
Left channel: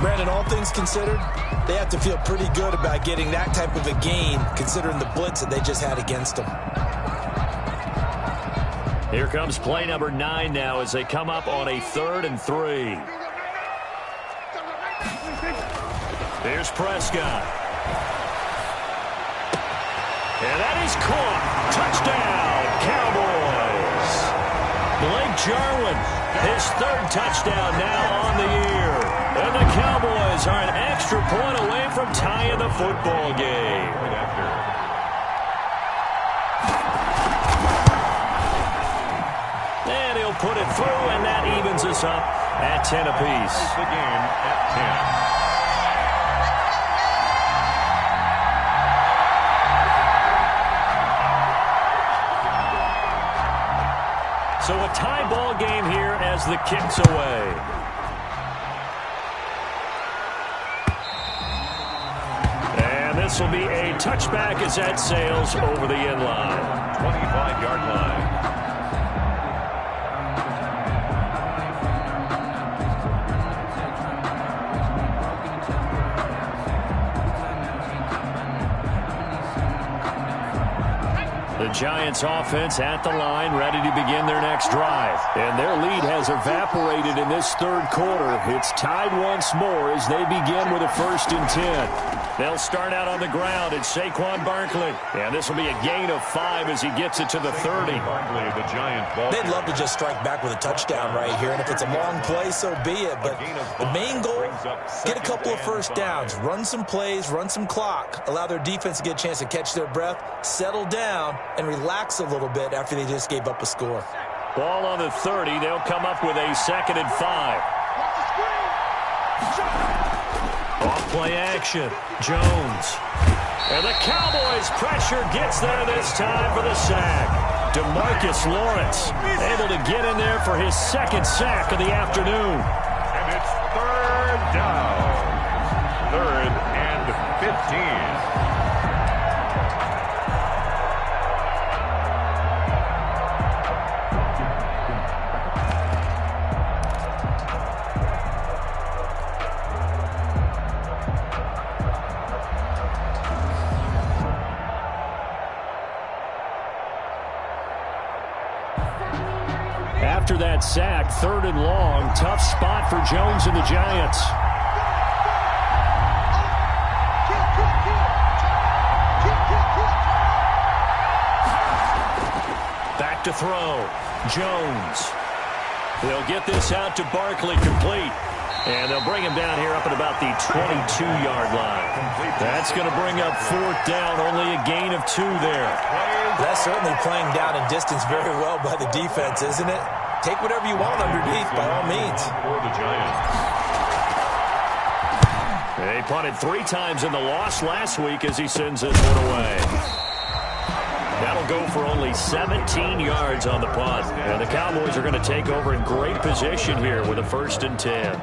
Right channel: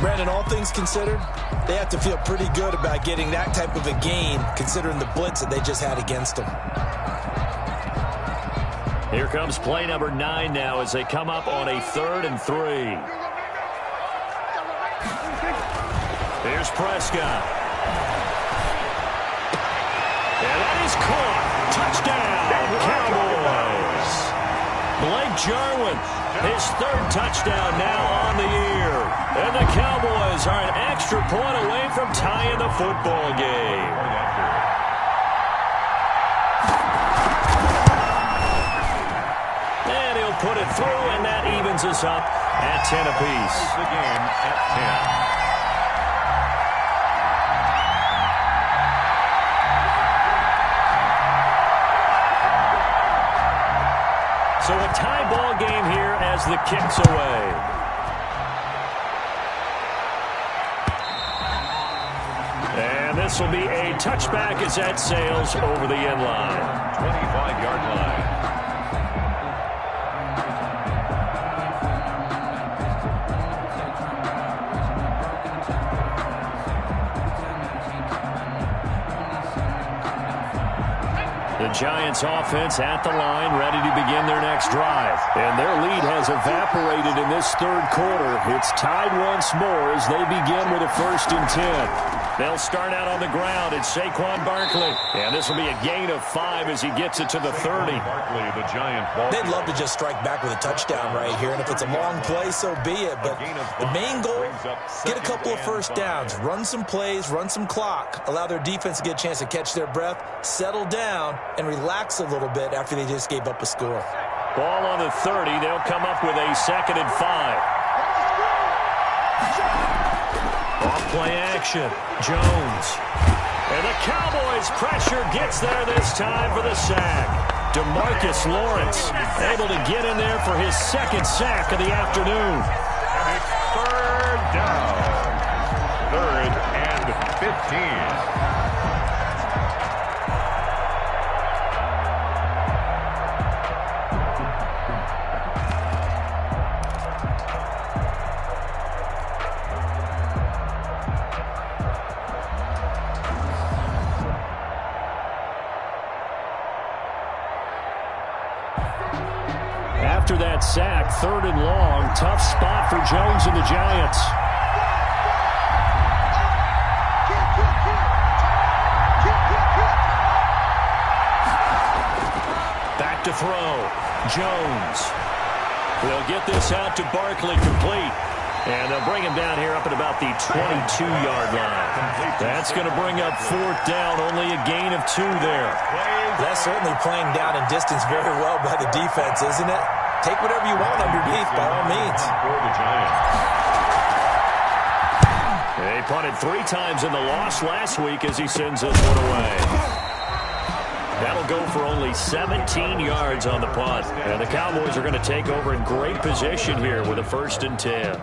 Brandon, all things considered, they have to feel pretty good about getting that type of a gain considering the blitz that they just had against them. Here comes play number 9 now as they come up on a 3rd and 3. Here's Prescott. And that is caught. Touchdown, Cowboys. Blake Jarwin, his 3rd touchdown now on the year. And the Cowboys are an extra point away from tying the football game. And he'll put it through, and that evens us up at 10 apiece. The game at 10. So a tie ball game here as the kick's away. And this will be a touchback as that sails over the end line. 25-yard line. The Giants offense at the line, ready to begin their next drive. And their lead has evaporated in this 3rd quarter. It's tied once more as they begin with a 1st and 10. They'll start out on the ground. It's Saquon Barkley. And this will be a gain of 5 as he gets it to the 30. Barkley, the Giant ball. They'd love to just strike back with a touchdown right here. And if it's a long play, so be it. But the main goal, get a couple of first downs. Run some plays, run some clock. Allow their defense to get a chance to catch their breath, settle down, and and relax a little bit after they just gave up a score. Ball on the 30. They'll come up with a 2nd and 5. Off play action. Jones. And the Cowboys pressure gets there this time for the sack. DeMarcus Lawrence able to get in there for his 2nd sack of the afternoon. And it's 3rd down. 3rd and 15. After that sack, 3rd and long. Tough spot for Jones and the Giants. Back to throw. Jones. They'll get this out to Barkley, complete. And they'll bring him down here up at about the 22-yard line. That's going to bring up 4th down, only a gain of 2 there. That's certainly playing down in distance very well by the defense, isn't it? Take whatever you want underneath, by all means. For the Giants. They punted 3 times in the loss last week as he sends this one away. That'll go for only 17 yards on the punt. And the Cowboys are going to take over in great position here with a 1st and 10.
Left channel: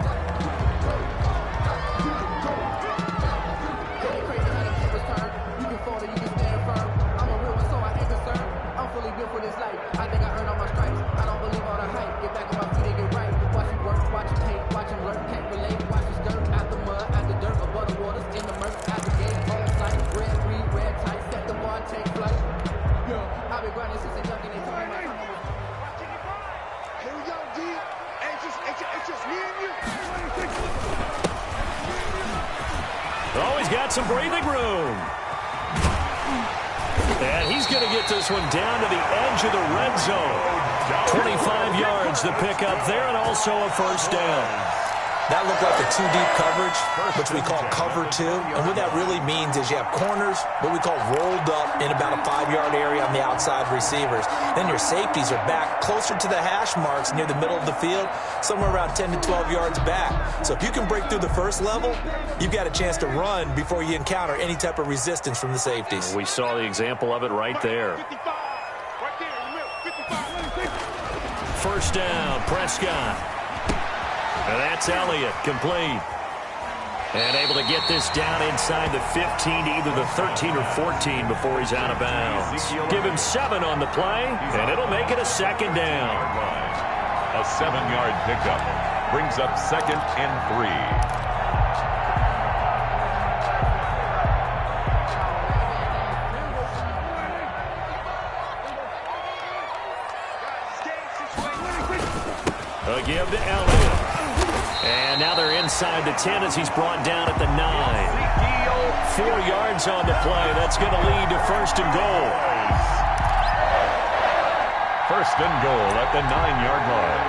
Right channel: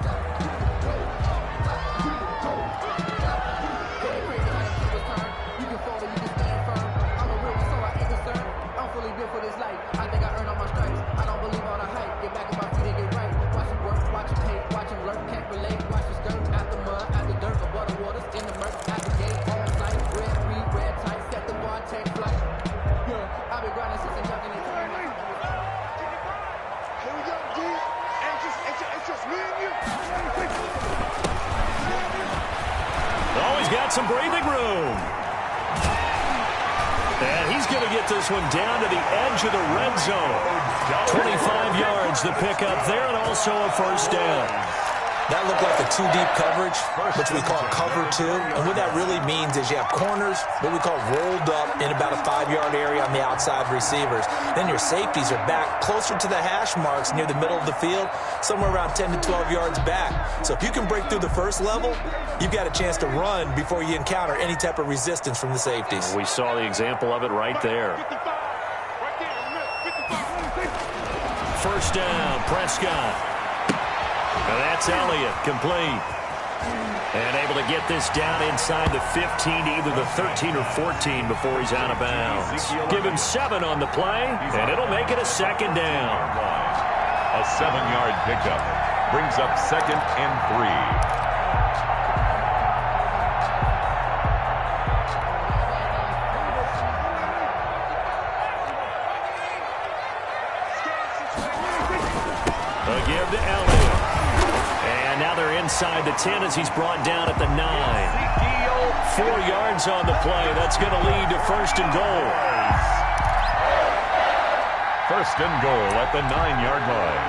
Always got some breathing room. And he's going to get this one down to the edge of the red zone. 25 yards to pick up there, and also a 1st down. That looked like a 2-deep coverage, which we call cover 2. And what that really means is you have corners, what we call rolled up in about a 5-yard area on the outside receivers. Then your safeties are back closer to the hash marks near the middle of the field, somewhere around 10 to 12 yards back. So if you can break through the first level, you've got a chance to run before you encounter any type of resistance from the safeties. We saw the example of it right there. 1st down, Prescott. Now that's Elliott, complete. And able to get this down inside the 15 to either the 13 or 14 before he's out of bounds. Give him 7 on the play, and it'll make it a 2nd down. A 7-yard pickup brings up 2nd and 3. A give to Elliott. And now they're inside the 10 as he's brought down at the 9. 4 yards on the play. That's going to lead to 1st and goal. 1st and goal at the 9-yard line.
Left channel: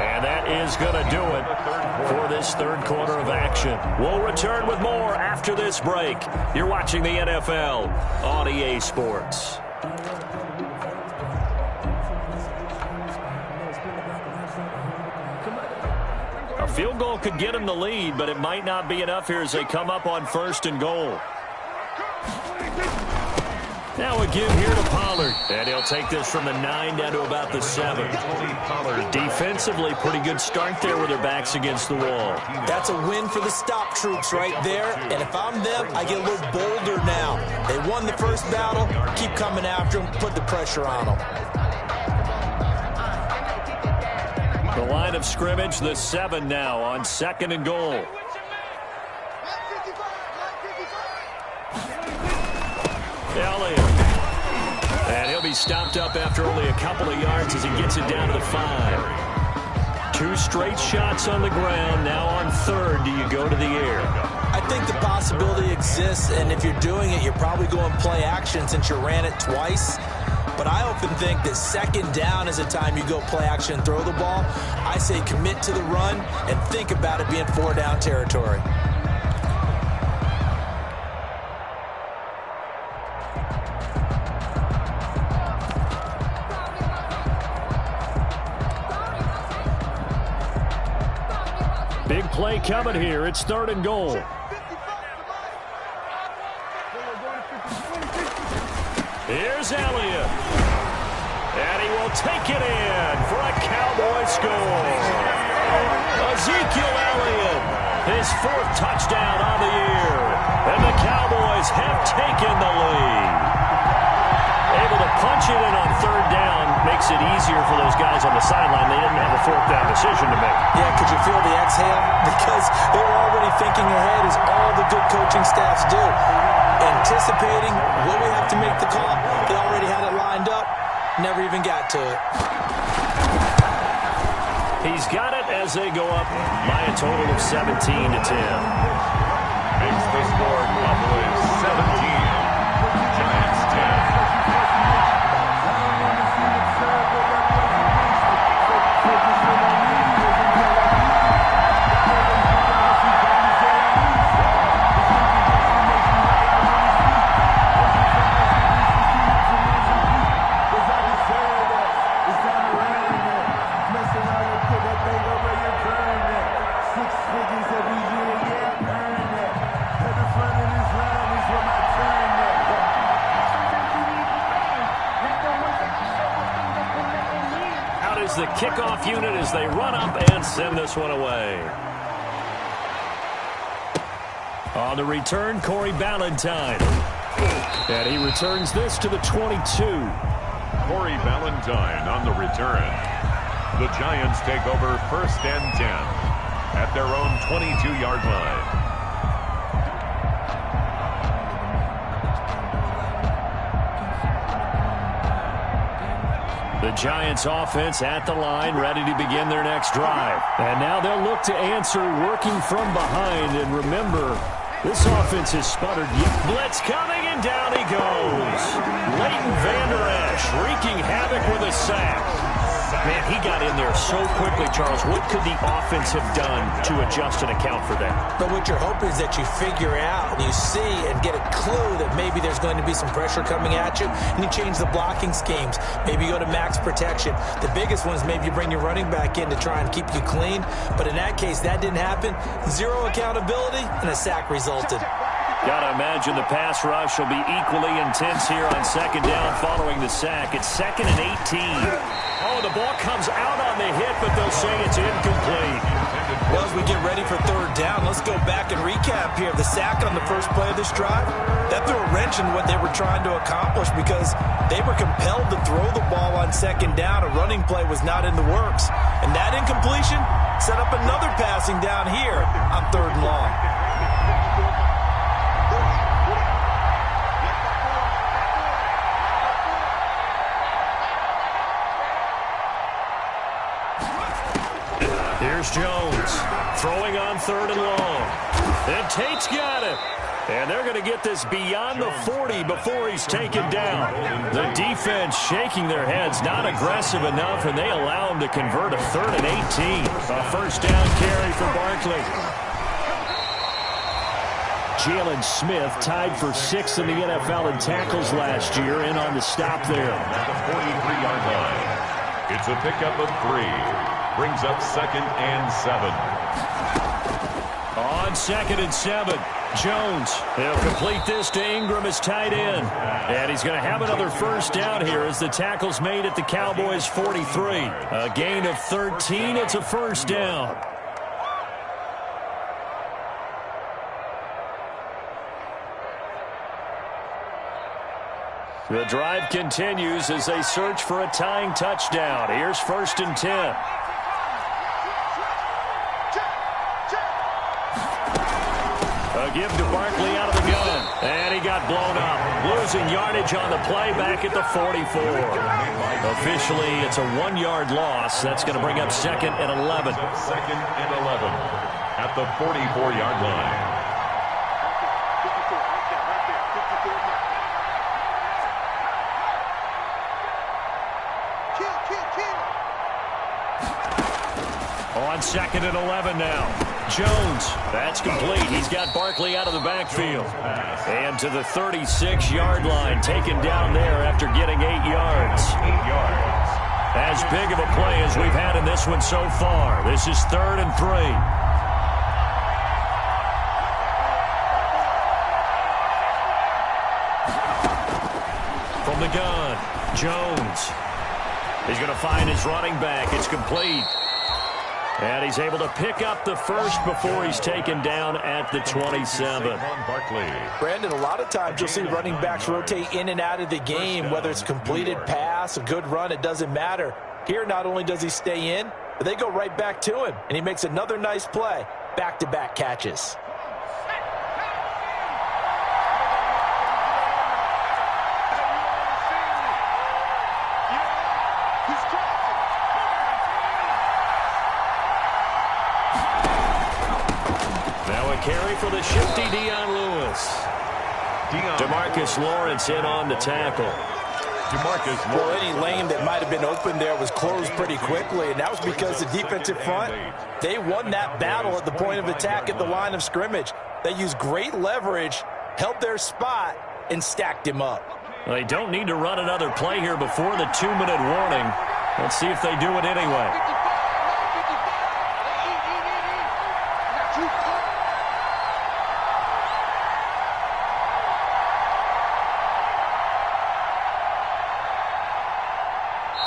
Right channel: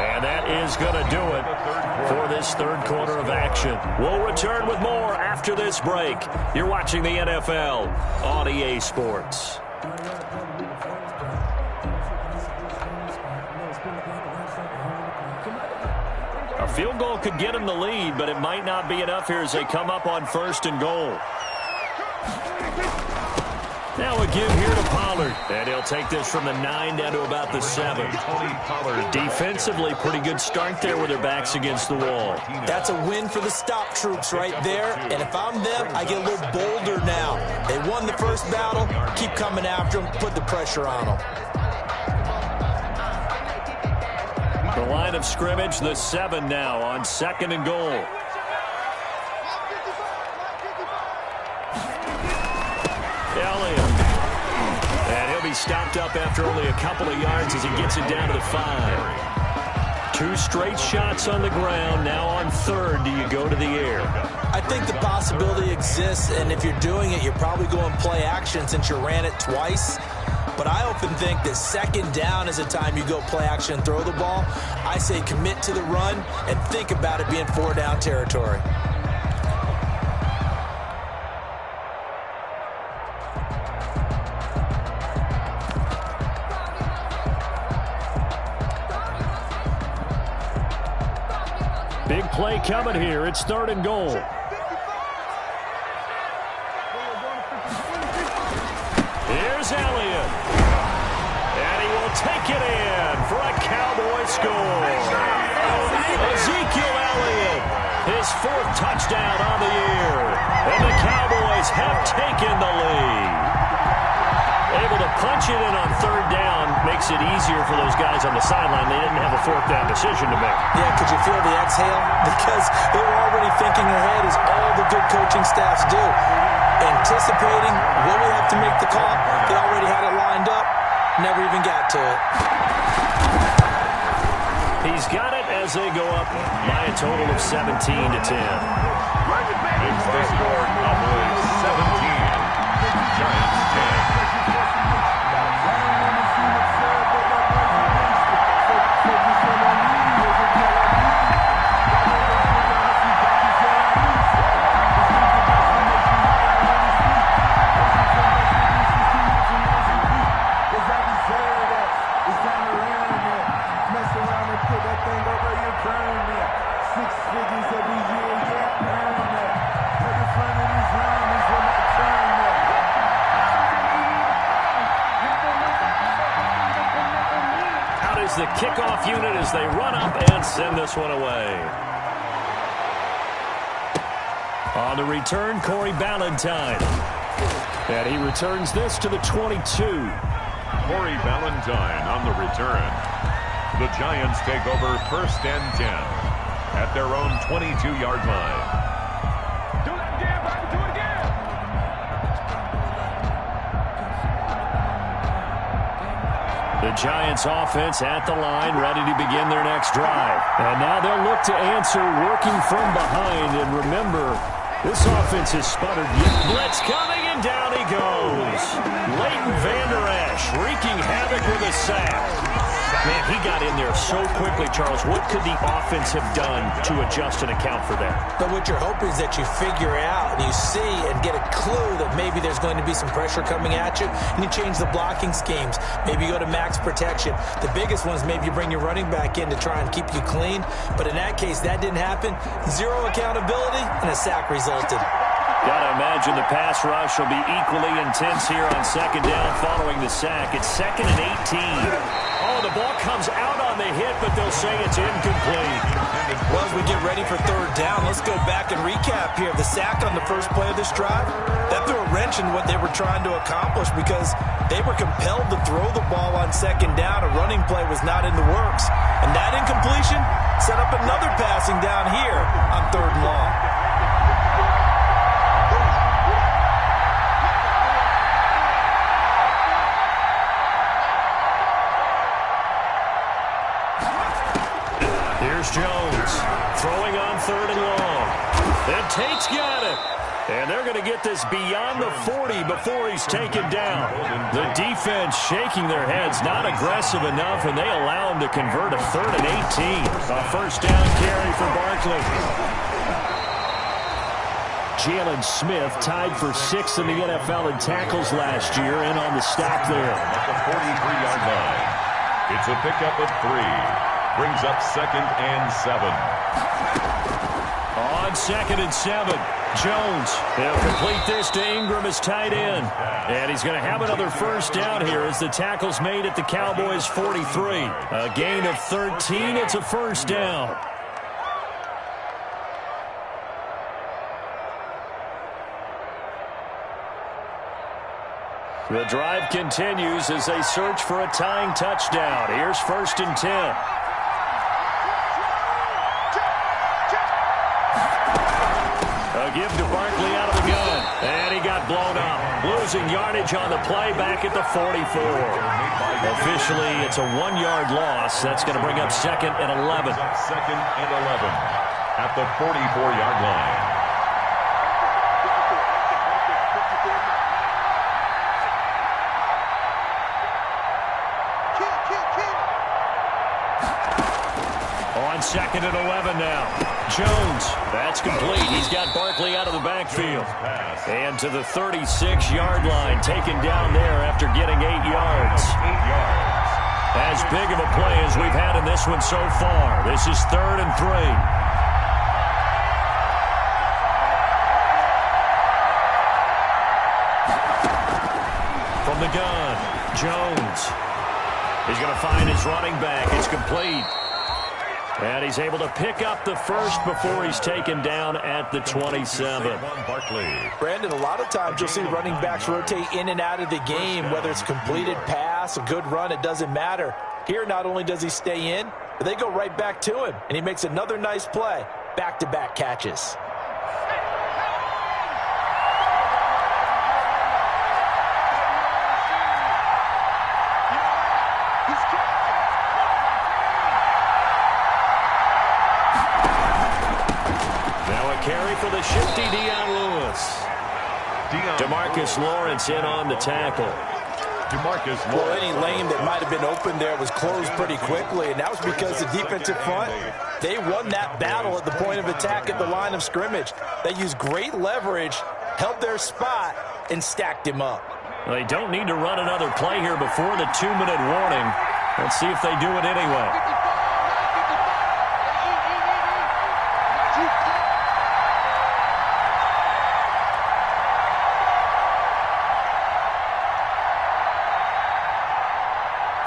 And that is going to do it for this 3rd quarter of action. We'll return with more after this break. You're watching the NFL on EA Sports. A field goal could get him the lead, but it might not be enough here as they come up on 1st and goal. Now a give here to Pollard. And he'll take this from the 9 down to about the 7. Defensively, pretty good start there with their backs against the wall. That's a win for the stop troops right there. And if I'm them, I get a little bolder now. They won the first battle. Keep coming after them. Put the pressure on them. The line of scrimmage, the 7 now on 2nd and goal. Elliott. And he'll be stopped up after only a couple of yards as he gets it down to the 5. 2 straight shots on the ground. Now on 3rd, do you go to the air? I think the possibility exists, and if you're doing it, you're probably going play action since you ran it twice. But I often think that 2nd down is a time you go play action and throw the ball. I say commit to the run and think about it being 4-down territory. Big play coming here. It's 3rd and goal. Here's Elliott. And he will take it in for a Cowboy score. Ezekiel Elliott, his 4th touchdown on the year. And the Cowboys have taken the lead. Able to punch it in on 3rd down makes it easier for those guys on the sideline. They didn't have a 4th down decision to make. Yeah, could you feel the exhale? Because they were already thinking ahead, as all the good coaching staffs do. Anticipating, will we have to make the call? They already had it lined up. Never even got to it. He's got it as they go up by a total of 17-10. Makes the score Cowboys 17, Giants 10. The kickoff unit as they run up and send this one away. On the return, Corey Ballantyne. And he returns this to the 22. Corey Ballantyne on the return. The Giants take over 1st and 10 at their own 22-yard line. The Giants offense at the line, ready to begin their next drive. And now they'll look to answer working from behind. And remember, this offense has sputtered. Blitz coming, and down he goes. Leighton Vander Esch wreaking havoc with a sack. Man, he got in there so quickly, Charles. What could the offense have done to adjust and account for that? But what you're hoping is that you figure out and you see and get a clue that maybe there's going to be some pressure coming at you, and you change the blocking schemes. Maybe you go to max protection. The biggest one is maybe you bring your running back in to try and keep you clean. But in that case, that didn't happen. 0 accountability, and a sack resulted. Got to imagine the pass rush will be equally intense here on 2nd down following the sack. It's 2nd and 18. Oh, the ball comes out on the hit, but they'll say it's incomplete. Well, as we get ready for 3rd down, let's go back and recap here. The sack on the first play of this drive, that threw a wrench in what they were trying to accomplish because they were compelled to throw the ball on 2nd down. A running play was not in the works. And that incompletion set up another passing down here on 3rd and long. Here's Jones throwing on 3rd and long. And Tate's got it. And they're going to get this beyond the 40 before he's taken down. The defense shaking their heads, not aggressive enough, and they allow him to convert a 3rd and 18. A 1st down carry for Barkley. Jalen Smith tied for 6th in the NFL in tackles last year, and on the stop there. At the 43-yard line, it's a pickup of 3. Brings up 2nd and 7. On 2nd and 7, Jones. He'll complete this to Ingram as tight end. And he's going to have another 1st down here as the tackle's made at the Cowboys 43. A gain of 13. It's a 1st down. The drive continues as they search for a tying touchdown. Here's 1st and 10. A give to Barkley out of the gun. And he got blown up. Losing yardage on the play back at the 44. Officially, it's a 1-yard loss. That's going to bring up 2nd and 11. 2nd and 11 at the 44-yard line. On 2nd and 11 now. Jones, that's complete. He's got Barkley out of the backfield. And to the 36-yard line, taken down there after getting 8 yards. 8 yards. As big of a play as we've had in this one so far. This is 3rd and 3. from the gun. Jones. He's going to find his running back. It's complete. And he's able to pick up the first before he's taken down at the 27. Brandon, a lot of times you'll see running backs rotate in and out of the game, whether it's a completed pass, a good run, it doesn't matter. Here, not only does he stay in, but they go right back to him, and he makes another nice play. Back-to-back catches. Now a carry for the shifty Dion Lewis. DeMarcus Lawrence in on the tackle. Well, any lane that might have been open there was closed pretty quickly, and that was because the defensive front, they won that battle at the point of attack at the line of scrimmage. They used great leverage, held their spot, and stacked him up. Well, they don't need to run another play here before the 2-minute warning. Let's see if they do it anyway.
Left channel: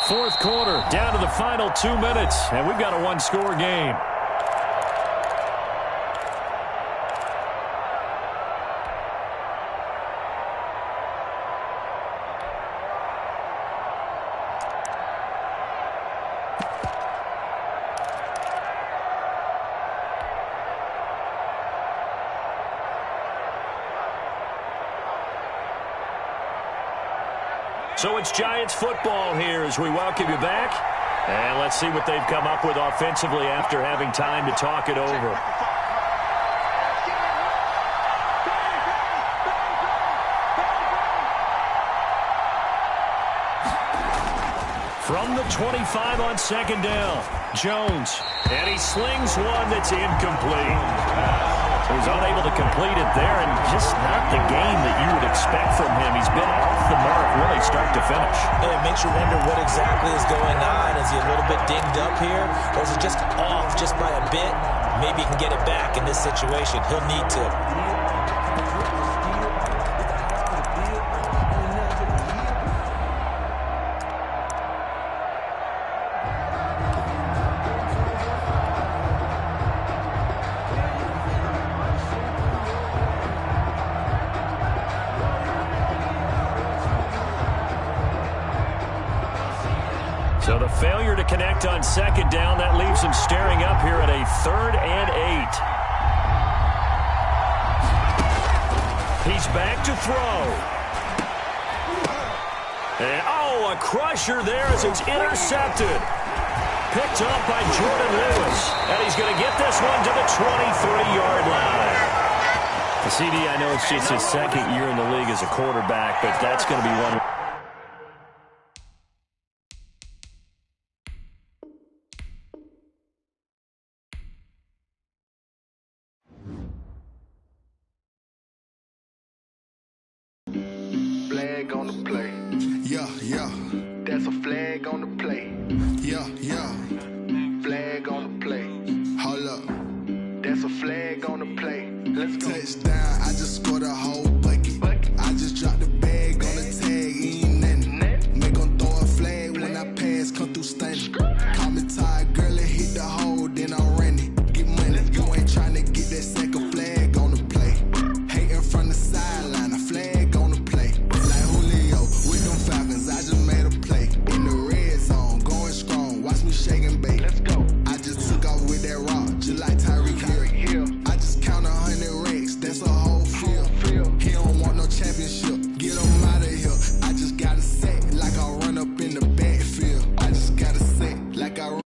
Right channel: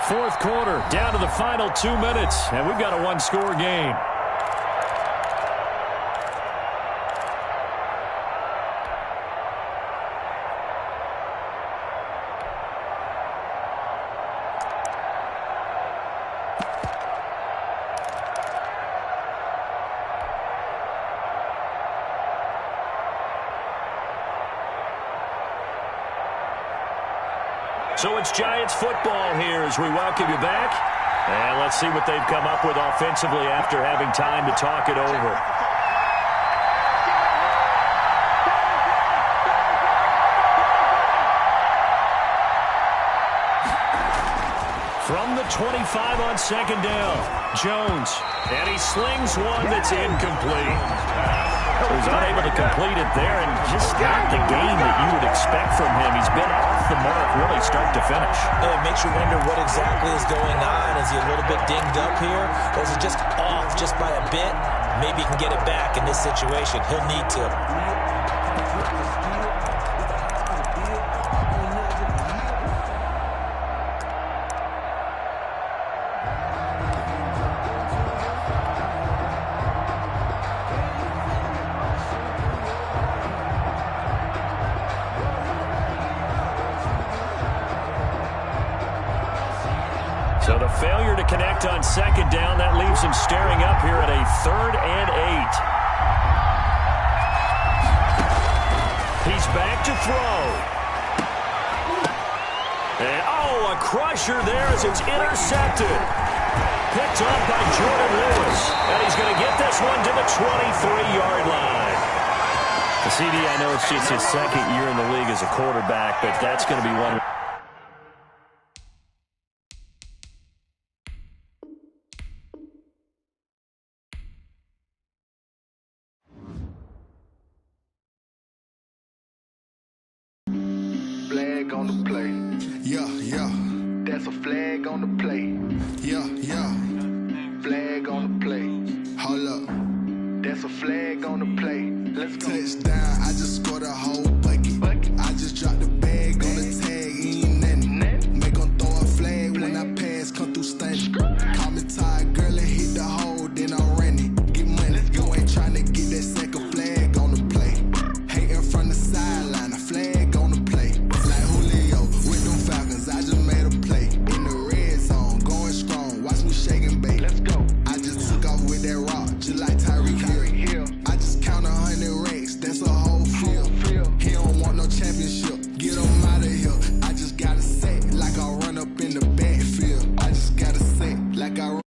Fourth quarter, down to the final 2 minutes, and we've got a one-score game. So it's Giants football here as we welcome you back. And let's see what they've come up with offensively after having time to talk it over. From the 25 on second down, Jones. And he slings one that's incomplete. So he's unable to complete it there, and just not the game that you would expect from him. He's been off the mark really start to finish. It makes you wonder what exactly is going on. Is he a little bit dinged up here, or is he just off just by a bit? Maybe he can get it back in this situation. He'll need to. So the failure to connect on second down, that leaves him staring up here at a 3rd and 8. He's back to throw. And, a crusher there as it's intercepted. Picked up by Jordan Lewis. And he's going to get this one to the 23-yard line. The CD, I know it's just his second year in the league as a quarterback, but that's going to be one. Flag on the play. Yeah, yeah. That's a flag on the play. Yeah, yeah. Flag on the play. Hold up. That's a flag on the play. Let's go. Touchdown, I just scored a whole bucket. I just dropped the bag on the tag, ain't nothing. Make them throw a flag when I pass, come through stunning. Call me tired, girl, and hit the hole, then I'm running. Get money, you ain't trying to get that second flag on the play. Hating from the sideline, a flag on the play. Like Julio with them Falcons, I just made a play. In the red zone, going strong, watch me shake and bake. Let's go. I just took off with that rock, just like Tyreek Hill. I just count 100 racks, that's a whole field. He don't want no championship, get him out of here. I just gotta say, like I run up in the backfield. I just gotta say, like I run.